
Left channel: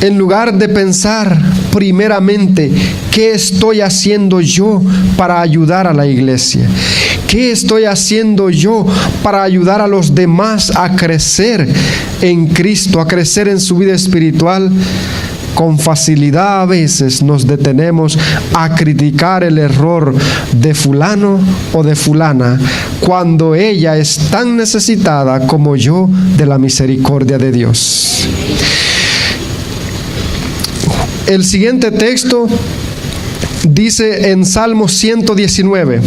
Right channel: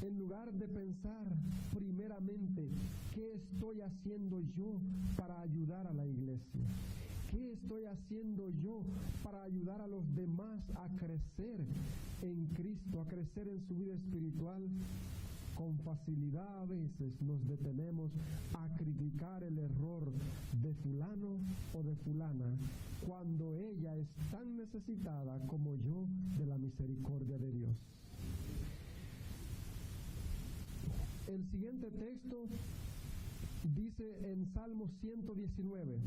En lugar de pensar primeramente, ¿qué estoy haciendo yo para ayudar a la iglesia? ¿Qué estoy haciendo yo para ayudar a los demás a crecer en Cristo, a crecer en su vida espiritual? Con facilidad a veces nos detenemos a criticar el error de fulano o de fulana, cuando ella es tan necesitada como yo de la misericordia de Dios. El siguiente texto dice en Salmo 119,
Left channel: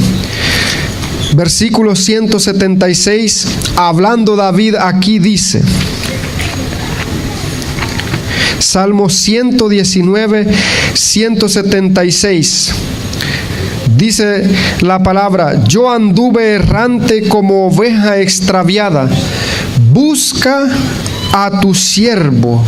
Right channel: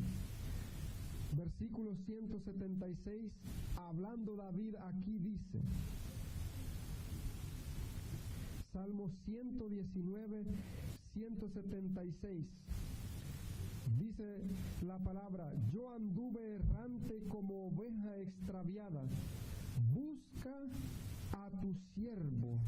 versículo 176, hablando David aquí dice, Salmo 119, 176, dice la palabra, yo anduve errante como oveja extraviada, busca a tu siervo.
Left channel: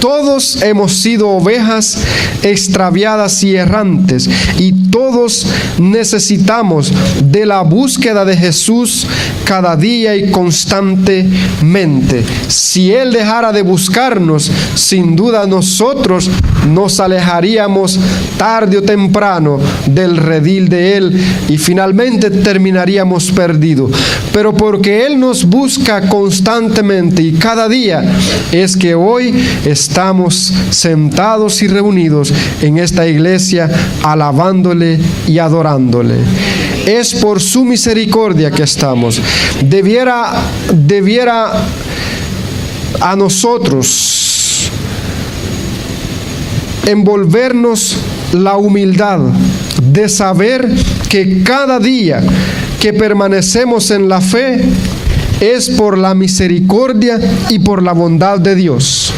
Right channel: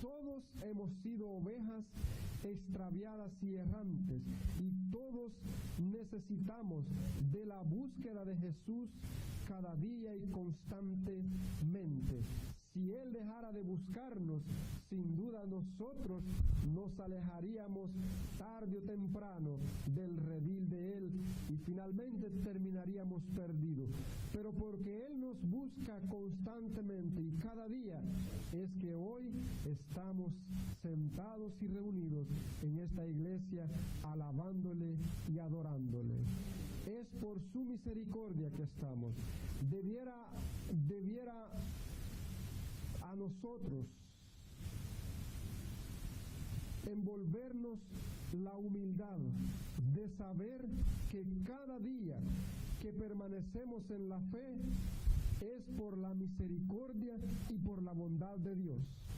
Todos hemos sido ovejas extraviadas y errantes, y todos necesitamos de la búsqueda de Jesús cada día y constantemente. Si Él dejara de buscarnos, sin duda nosotros nos alejaríamos tarde o temprano del redil de Él y finalmente terminaríamos perdidos. Pero porque Él nos busca constantemente y cada día, es que hoy estamos sentados y reunidos en esta iglesia alabándole y adorándole. Es por su misericordia que estamos. Debiera a nosotros envolvernos la humildad de saber que cada día que permanecemos en la fe es por la misericordia y por la bondad de Dios.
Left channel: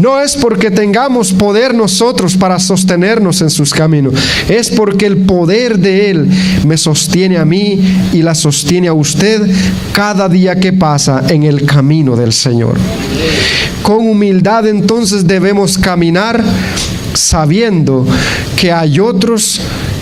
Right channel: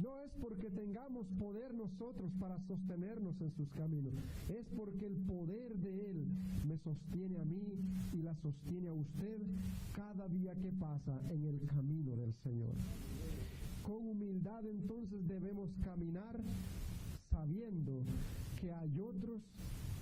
No es porque tengamos poder nosotros para sostenernos en sus caminos, es porque el poder de Él me sostiene a mí y la sostiene a usted cada día que pasa en el camino del Señor. Con humildad entonces debemos caminar sabiendo que hay otros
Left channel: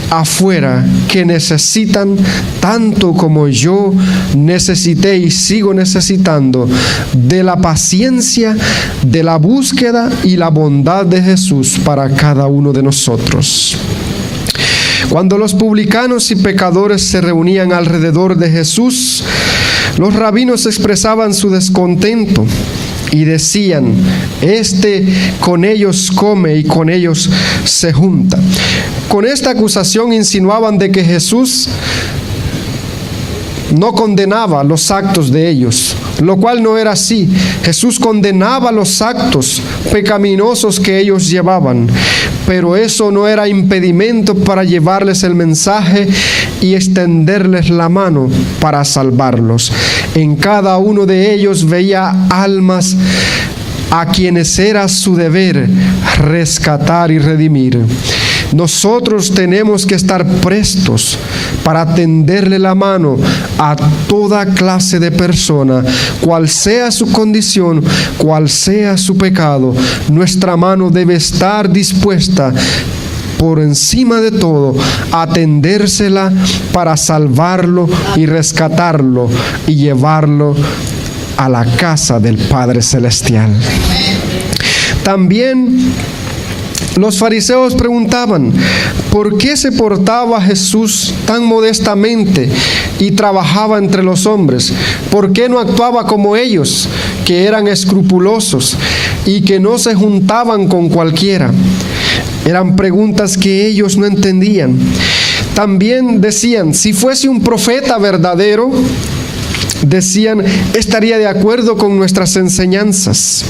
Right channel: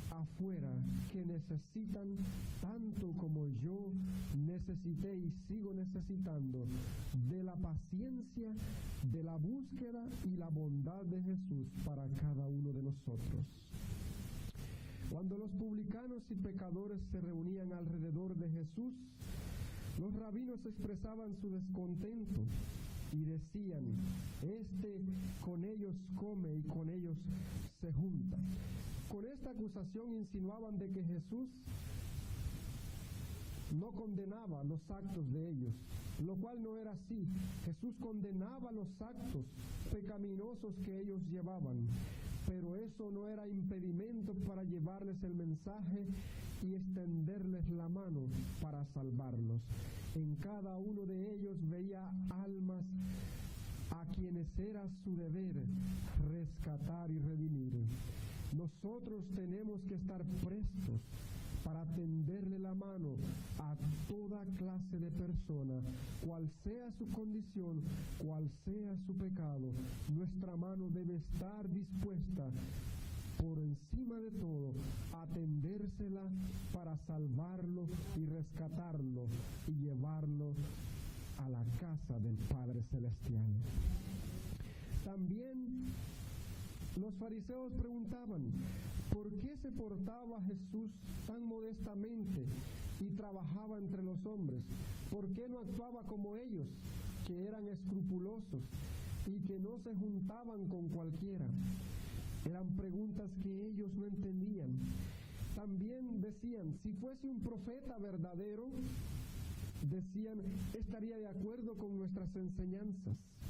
afuera que necesitan tanto como yo necesité y sigo necesitando de la paciencia, de la búsqueda y la bondad de Jesús para cada uno de nosotros. Cuando los publicanos y pecadores se reunían alrededor de Jesús, los rabinos expresaban su descontento y decían, este con ellos come y con ellos se junta. Con esta acusación insinuaban de que Jesús no condenaba los actos de ellos, lo cual no era así. Jesús condenaba los actos pecaminosos que ellos llevaban, pero eso no era impedimento para llevarles el mensaje y extenderles la mano para salvarlos. En cada uno de ellos veía almas a quienes era su deber rescatar y redimir. Nosotros tenemos que estar prestos para tenderle la mano a toda clase de persona, cual sea su condición, cual sea su pecado. Nuestra mano debe estar dispuesta por encima de todo a tendérsela para salvarlo y rescatarlo y llevarlo a la casa del Padre Celestial. También los fariseos preguntaban, ¿por qué se portaba Jesús tan modestamente y trabajaba entre los hombres? ¿Por qué no actuaba como ellos, que eran escrupulosos y que no se juntaban con cualquiera? Eran preguntas que ellos no entendían. También decían, si fuese un profeta verdadero, decían, estaría de acuerdo con nuestras enseñanzas.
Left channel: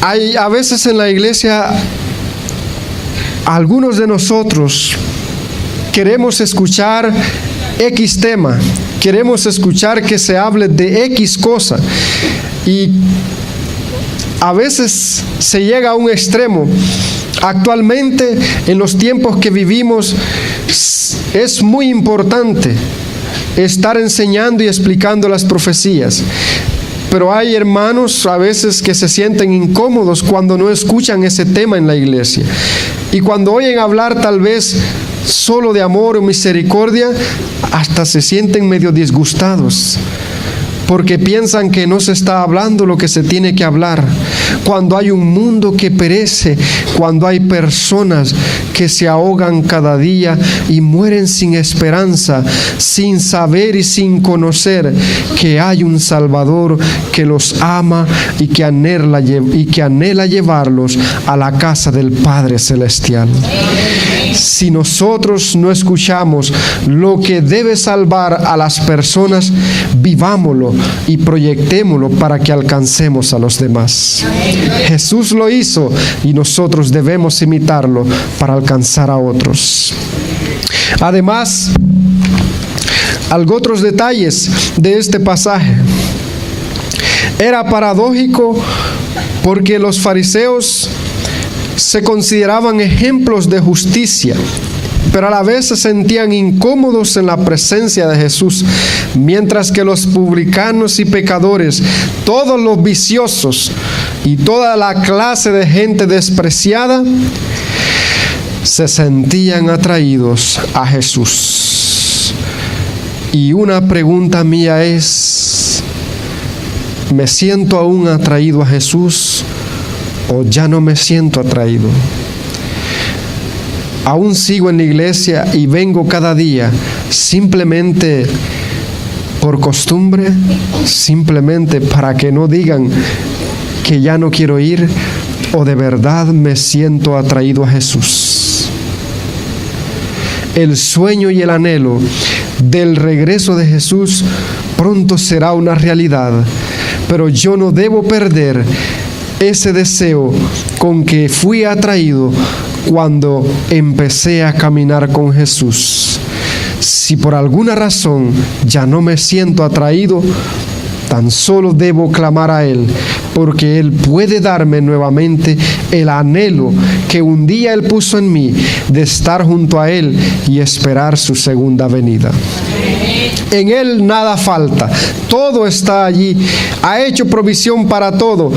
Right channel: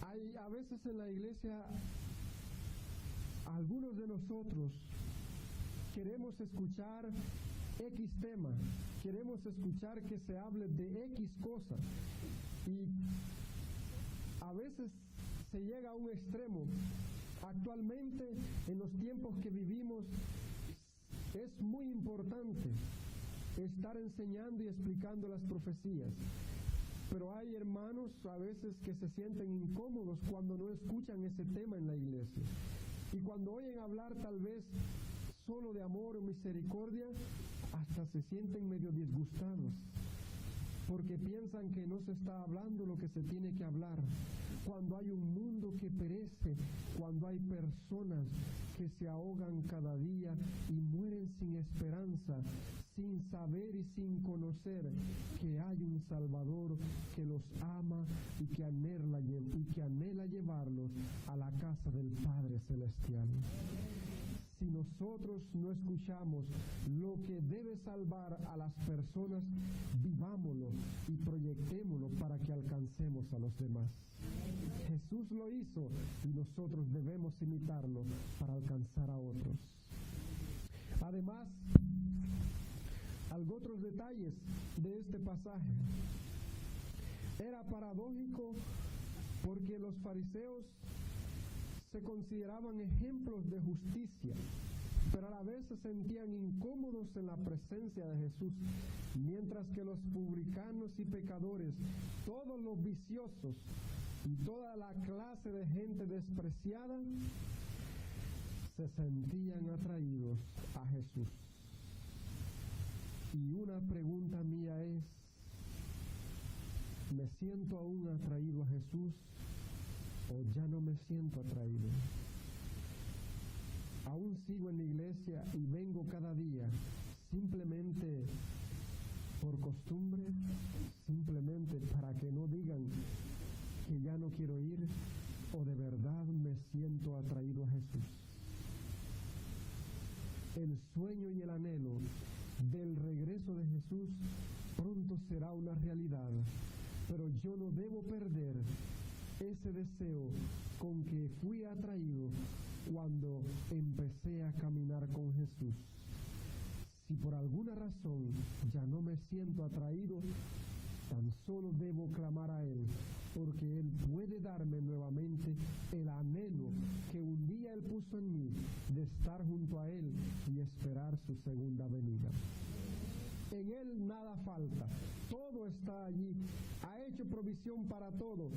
Hay a veces en la iglesia, algunos de nosotros queremos escuchar X tema, queremos escuchar que se hable de X cosa, y a veces se llega a un extremo. Actualmente, en los tiempos que vivimos, es muy importante estar enseñando y explicando las profecías. Pero hay hermanos a veces que se sienten incómodos cuando no escuchan ese tema en la iglesia. Y cuando oyen hablar tal vez solo de amor o misericordia, hasta se sienten medio disgustados, porque piensan que no se está hablando lo que se tiene que hablar. Cuando hay un mundo que perece, cuando hay personas que se ahogan cada día y mueren sin esperanza, sin saber y sin conocer que hay un Salvador que los ama y que anhela llevarlos a la casa del Padre Celestial. Si nosotros no escuchamos lo que debe salvar a las personas, vivámoslo y proyectémoslo para que alcancemos a los demás. Jesús lo hizo y nosotros debemos imitarlo para alcanzar a otros. Además, otros detalles de este pasaje. Era paradójico porque los fariseos se consideraban ejemplos de justicia, pero a la vez se sentían incómodos en la presencia de Jesús, mientras que los publicanos y pecadores, todos los viciosos y toda la clase de gente despreciada, se sentían atraídos a Jesús. Y una pregunta mía es, ¿me siento aún atraído a Jesús o ya no me siento atraído? Aún sigo en la iglesia y vengo cada día simplemente por costumbre, simplemente para que no digan que ya no quiero ir, o de verdad me siento atraído a Jesús. El sueño y el anhelo del regreso de Jesús pronto será una realidad, pero yo no debo perder ese deseo con que fui atraído cuando empecé a caminar con Jesús. Si por alguna razón ya no me siento atraído, tan solo debo clamar a Él, porque Él puede darme nuevamente el anhelo que un día Él puso en mí de estar junto a Él y esperar su segunda venida. En Él nada falta, todo está allí, ha hecho provisión para todo.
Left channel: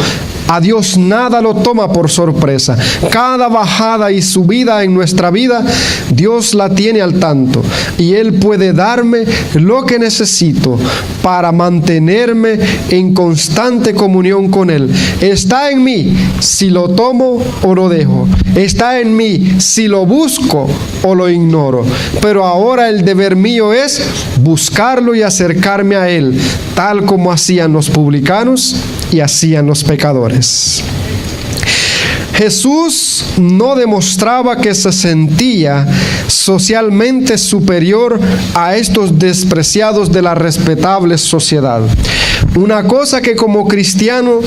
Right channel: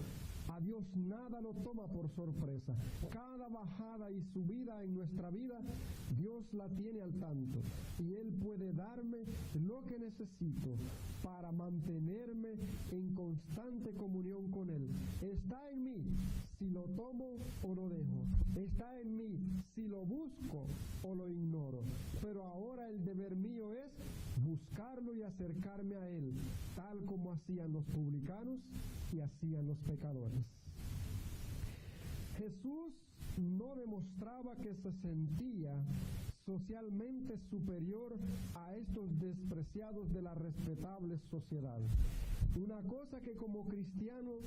A Dios nada lo toma por sorpresa. Cada bajada y subida en nuestra vida, Dios la tiene al tanto. Y Él puede darme lo que necesito para mantenerme en constante comunión con Él. Está en mí si lo tomo o lo dejo. Está en mí si lo busco o lo ignoro. Pero ahora el deber mío es buscarlo y acercarme a Él, tal como hacían los publicanos y hacían los pecadores. Jesús no demostraba que se sentía socialmente superior a estos despreciados de la respetable sociedad. Una cosa que como cristianos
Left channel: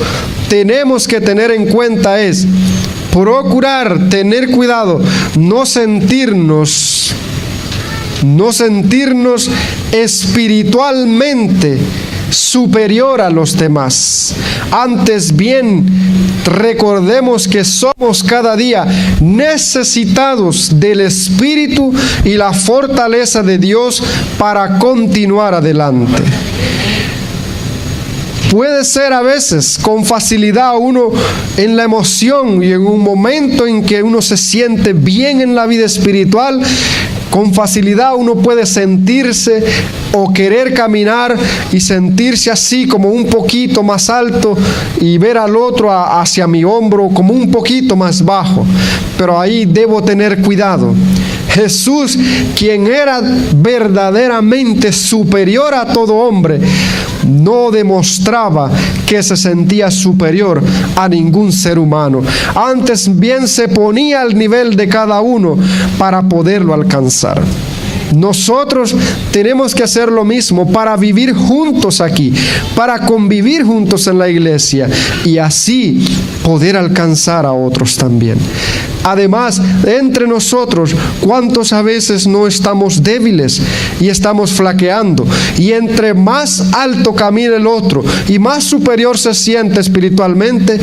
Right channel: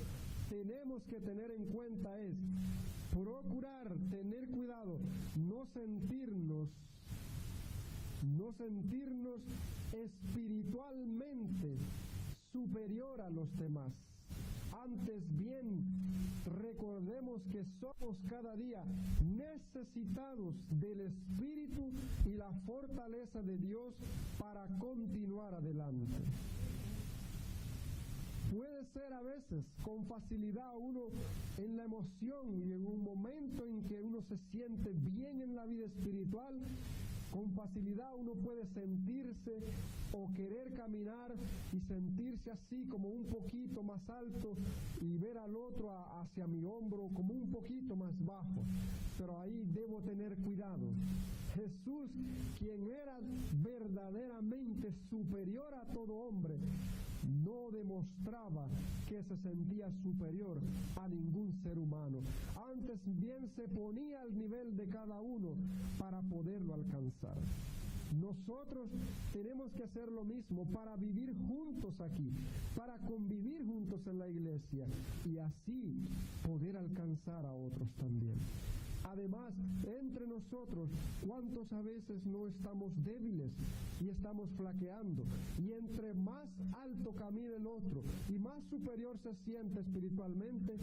tenemos que tener en cuenta es, procurar, tener cuidado, no sentirnos espiritualmente superior a los demás. Antes bien, recordemos que somos cada día necesitados del Espíritu y la fortaleza de Dios para continuar adelante. Puede ser a veces con facilidad uno en la emoción y en un momento en que uno se siente bien en la vida espiritual, con facilidad uno puede sentirse o querer caminar y sentirse así como un poquito más alto y ver al otro hacia mi hombro como un poquito más bajo. Pero ahí debo tener cuidado. Jesús, quien era verdaderamente superior a todo hombre, no demostraba que se sentía superior a ningún ser humano. Antes bien se ponía al nivel de cada uno para poderlo alcanzar. Nosotros tenemos que hacer lo mismo para vivir juntos aquí, para convivir juntos en la iglesia y así poder alcanzar a otros también. Además, entre nosotros, ¿cuántos a veces no estamos débiles y estamos flaqueando? Y entre más alto camina el otro y más superior se siente espiritualmente,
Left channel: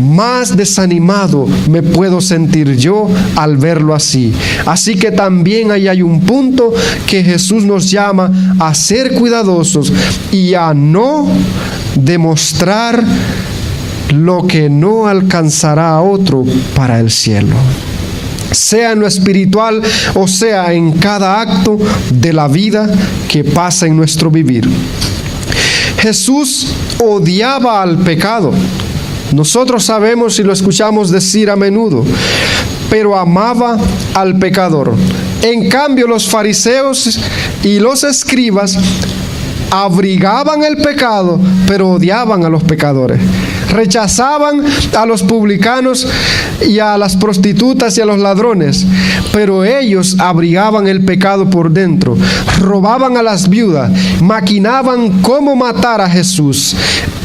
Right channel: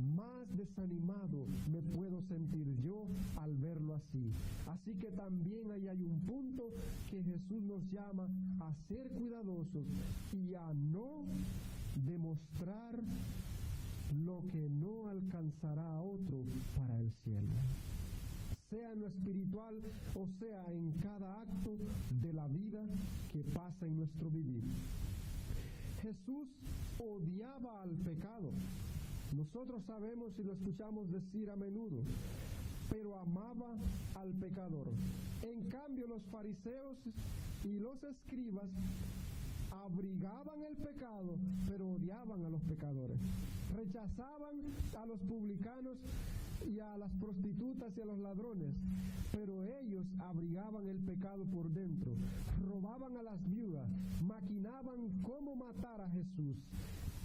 más desanimado me puedo sentir yo al verlo así. Así que también ahí hay un punto que Jesús nos llama a ser cuidadosos y a no demostrar lo que no alcanzará a otro para el cielo, sea en lo espiritual o sea en cada acto de la vida que pasa en nuestro vivir. Jesús odiaba al pecado. Nosotros sabemos y lo escuchamos decir a menudo, pero amaba al pecador. En cambio, los fariseos y los escribas abrigaban el pecado, pero odiaban a los pecadores. Rechazaban a los publicanos y a las prostitutas y a los ladrones, pero ellos abrigaban el pecado por dentro. Robaban a las viudas, maquinaban cómo matar a Jesús,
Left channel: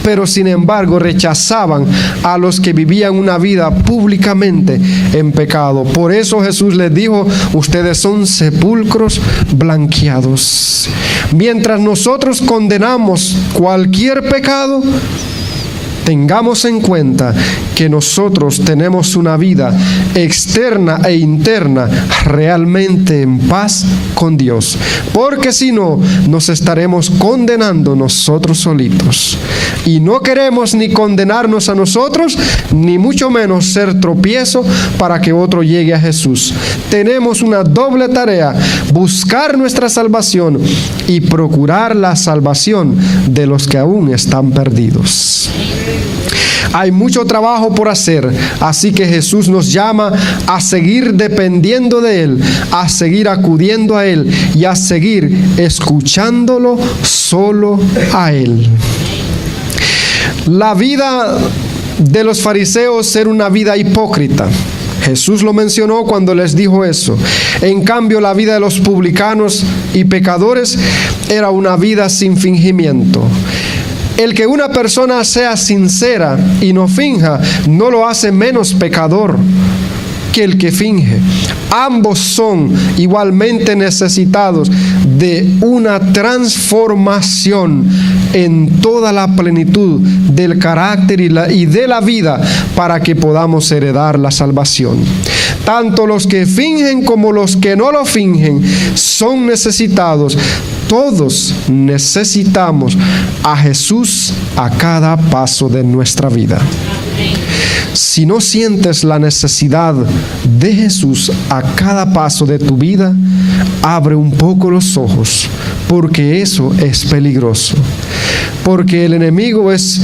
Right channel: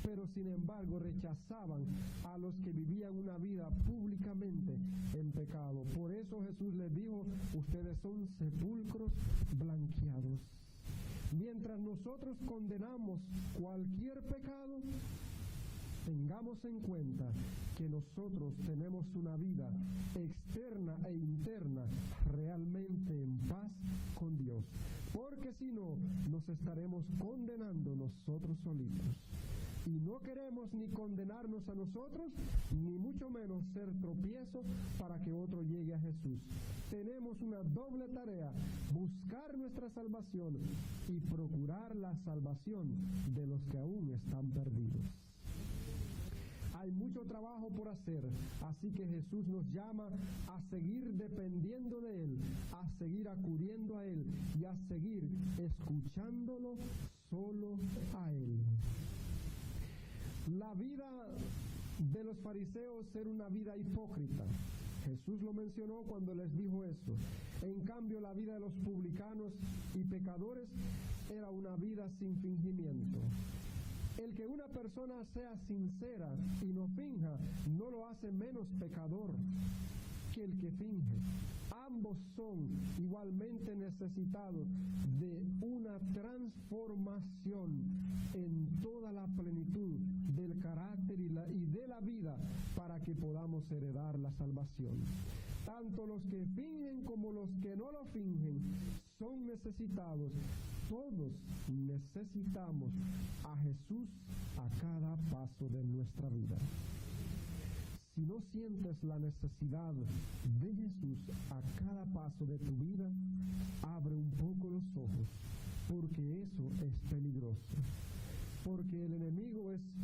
pero sin embargo rechazaban a los que vivían una vida públicamente en pecado. Por eso Jesús les dijo: ustedes son sepulcros blanqueados. Mientras nosotros condenamos cualquier pecado, tengamos en cuenta que nosotros tenemos una vida externa e interna realmente en paz con Dios, porque si no, nos estaremos condenando nosotros solitos. Y no queremos ni condenarnos a nosotros, ni mucho menos ser tropiezo para que otro llegue a Jesús. Tenemos una doble tarea: buscar nuestra salvación y procurar la salvación de los que aún están perdidos. Hay mucho trabajo por hacer, así que Jesús nos llama a seguir dependiendo de Él, a seguir acudiendo a Él y a seguir escuchándolo solo a Él. La vida de los fariseos era una vida hipócrita. Jesús lo mencionó cuando les dijo eso. En cambio, la vida de los publicanos y pecadores era una vida sin fingimiento. El que una persona sea sincera y no finja, no lo hace menos pecador que el que finge. Ambos son igualmente necesitados de una transformación en toda la plenitud del carácter y de la vida para que podamos heredar la salvación. Tanto los que fingen como los que no lo fingen son necesitados. Todos necesitamos a Jesús a cada paso de nuestra vida. Si no sientes la necesidad de Jesús a cada paso de tu vida, abre un poco los ojos, porque eso es peligroso. Porque el enemigo es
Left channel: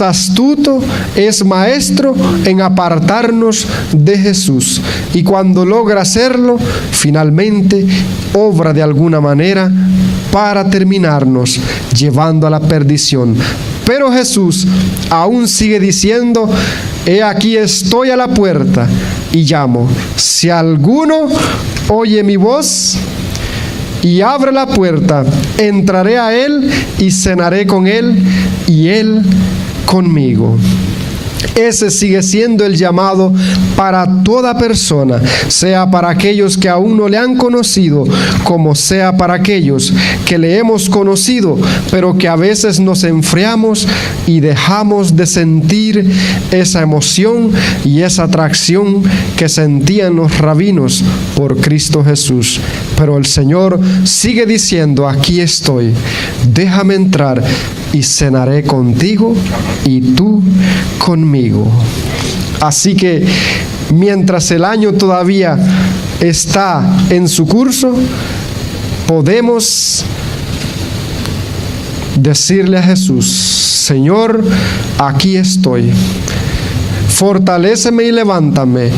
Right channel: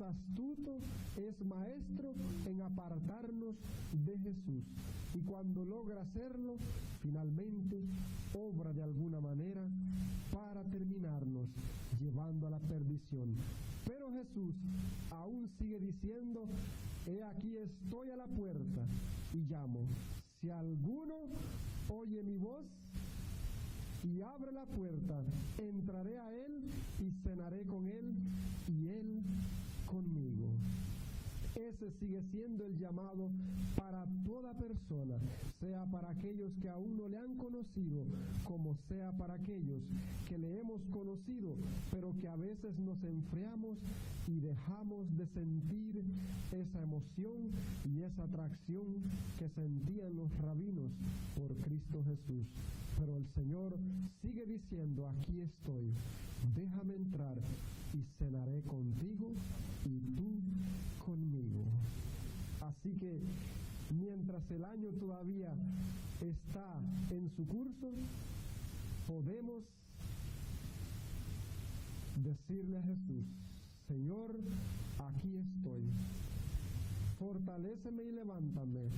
astuto, es maestro en apartarnos de Jesús. Y cuando logra hacerlo, finalmente obra de alguna manera para terminarnos llevando a la perdición. Pero Jesús aún sigue diciendo: he aquí estoy a la puerta y llamo. Si alguno oye mi voz y abre la puerta, entraré a él y cenaré con él y él conmigo. Ese sigue siendo el llamado para toda persona, sea para aquellos que aún no le han conocido, como sea para aquellos que le hemos conocido, pero que a veces nos enfriamos y dejamos de sentir esa emoción y esa atracción que sentían los rabinos por Cristo Jesús. Pero el Señor sigue diciendo: aquí estoy, déjame entrar y cenaré contigo y tú conmigo. Así que mientras el año todavía está en su curso, podemos decirle a Jesús: Señor, aquí estoy, fortaléceme y levántame,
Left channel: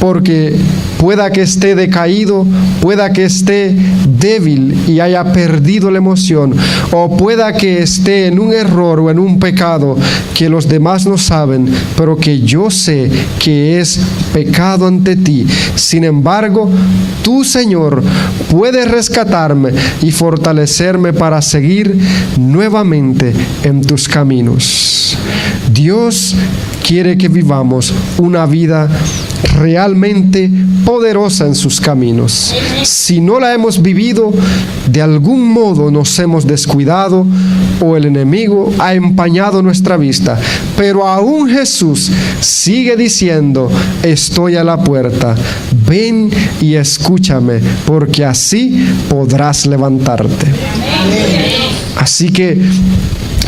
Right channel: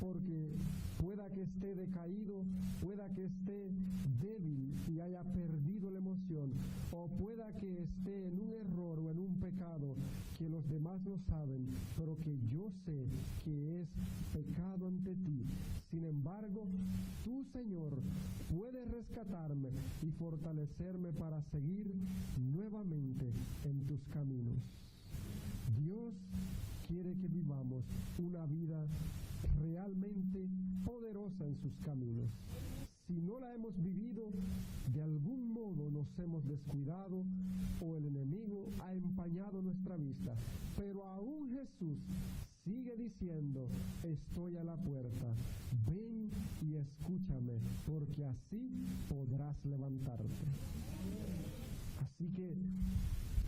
porque pueda que esté decaído, pueda que esté débil y haya perdido la emoción, o pueda que esté en un error o en un pecado que los demás no saben, pero que yo sé que es pecado ante ti. Sin embargo, tú, Señor, puedes rescatarme y fortalecerme para seguir nuevamente en tus caminos. Dios quiere que vivamos una vida realmente poderosa en sus caminos. Si no la hemos vivido, de algún modo nos hemos descuidado o el enemigo ha empañado nuestra vista. Pero aún Jesús sigue diciendo: estoy a la puerta, ven y escúchame, porque así podrás levantarte. Así que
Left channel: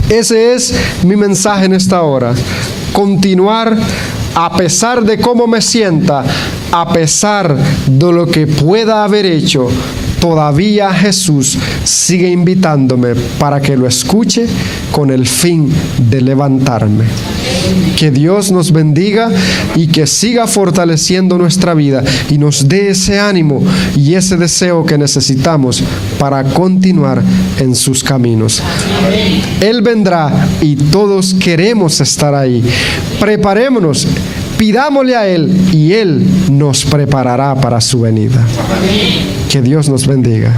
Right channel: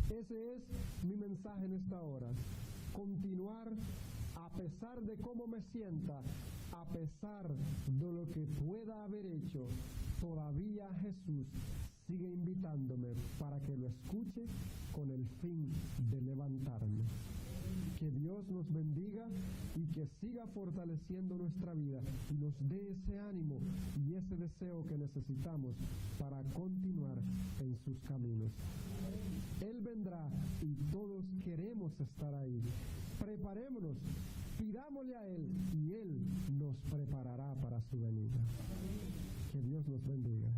ese es mi mensaje en esta hora. Continuar a pesar de cómo me sienta, a pesar de lo que pueda haber hecho. Todavía Jesús sigue invitándome para que lo escuche con el fin de levantarme. Que Dios nos bendiga y que siga fortaleciendo nuestra vida y nos dé ese ánimo y ese deseo que necesitamos para continuar en sus caminos. Él vendrá y todos queremos estar ahí. Preparémonos, pidámosle a Él y Él nos preparará para su venida. Que Dios nos bendiga.